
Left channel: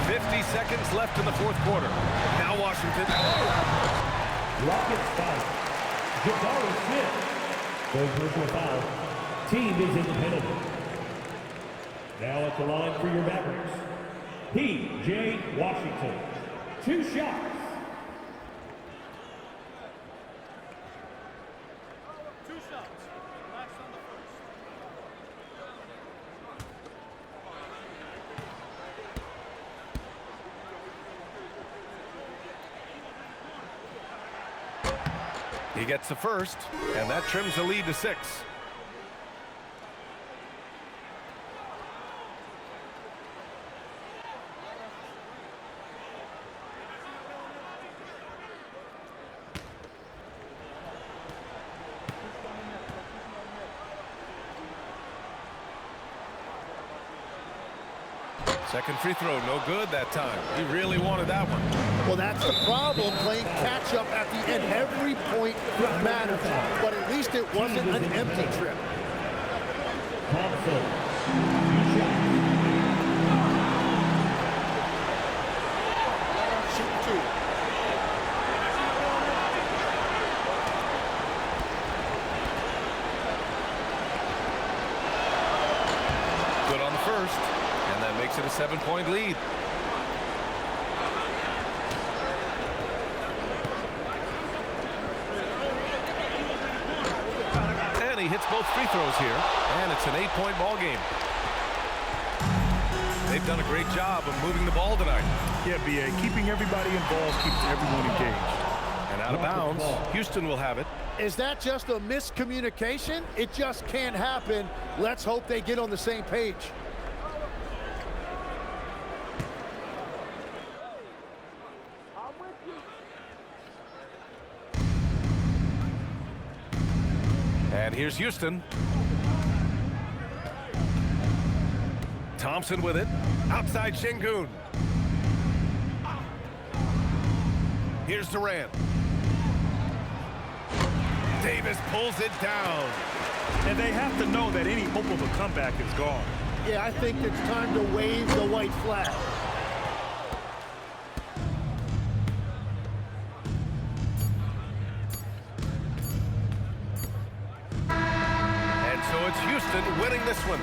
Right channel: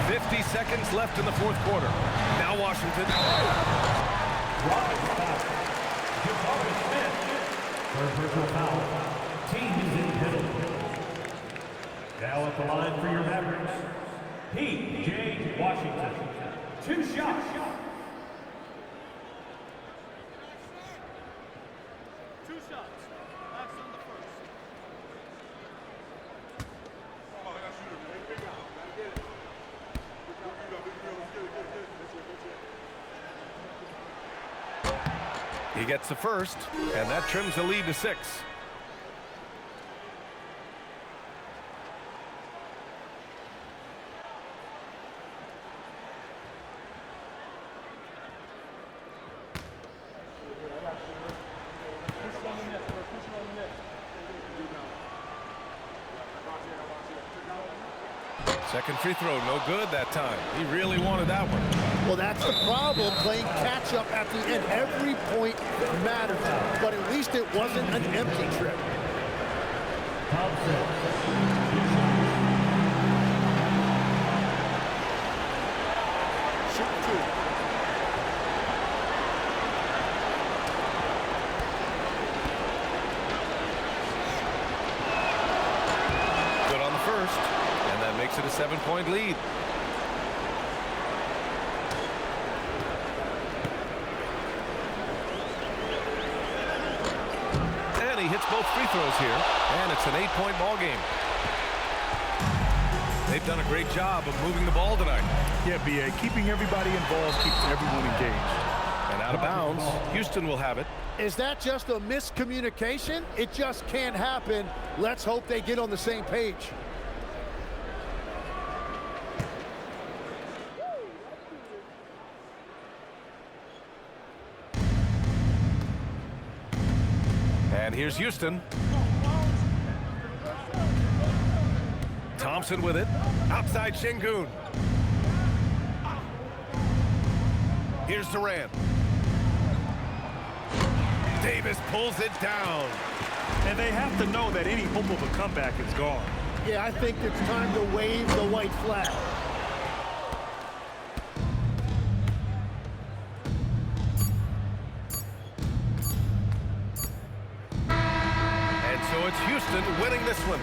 50 seconds left in the fourth quarter. Now Washington. Rockets foul. Jabari Smith. Third personal foul. Team is in penalty. Now at the line for your Mavericks, P.J. Washington. 2 shots. 2 shots. Relax on the first. He gets the first, and that trims the lead to 6. Second free throw, no good that time. He really wanted that one. Well, that's the problem, playing catch-up at the end. Every point matters, but at least it wasn't an empty trip. Thompson. 2 shots. Shoot 2. Good on the first, and that makes it a 7-point lead. And he hits both free throws here, and it's an 8-point ball game. They've done a great job of moving the ball tonight. Yeah, B.A. Keeping everybody involved keeps everyone engaged. And out of bounds, Houston will have it. Is that just a miscommunication? It just can't happen. Let's hope they get on the same page. And here's Houston. Thompson with it. Outside Şengün. Here's Durant. Davis pulls it down. And they have to know that any hope of a comeback is gone. Yeah, I think it's time to wave the white flag. And so it's Houston winning this one.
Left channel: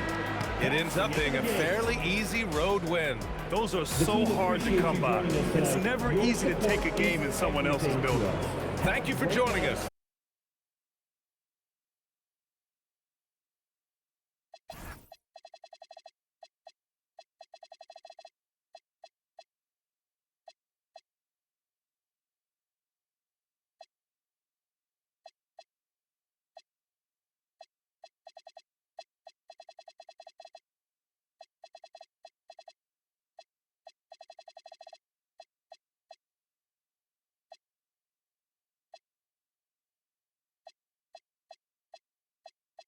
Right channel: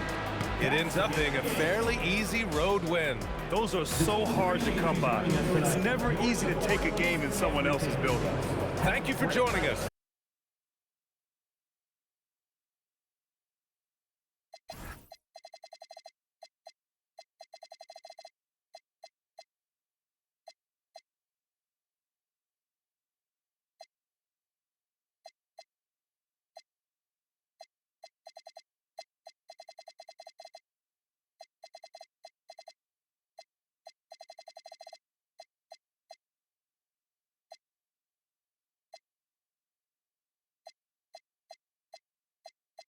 It ends up being a fairly easy road win. Those are so hard to come by. It's never easy to take a game in someone else's building. Thank you for joining us.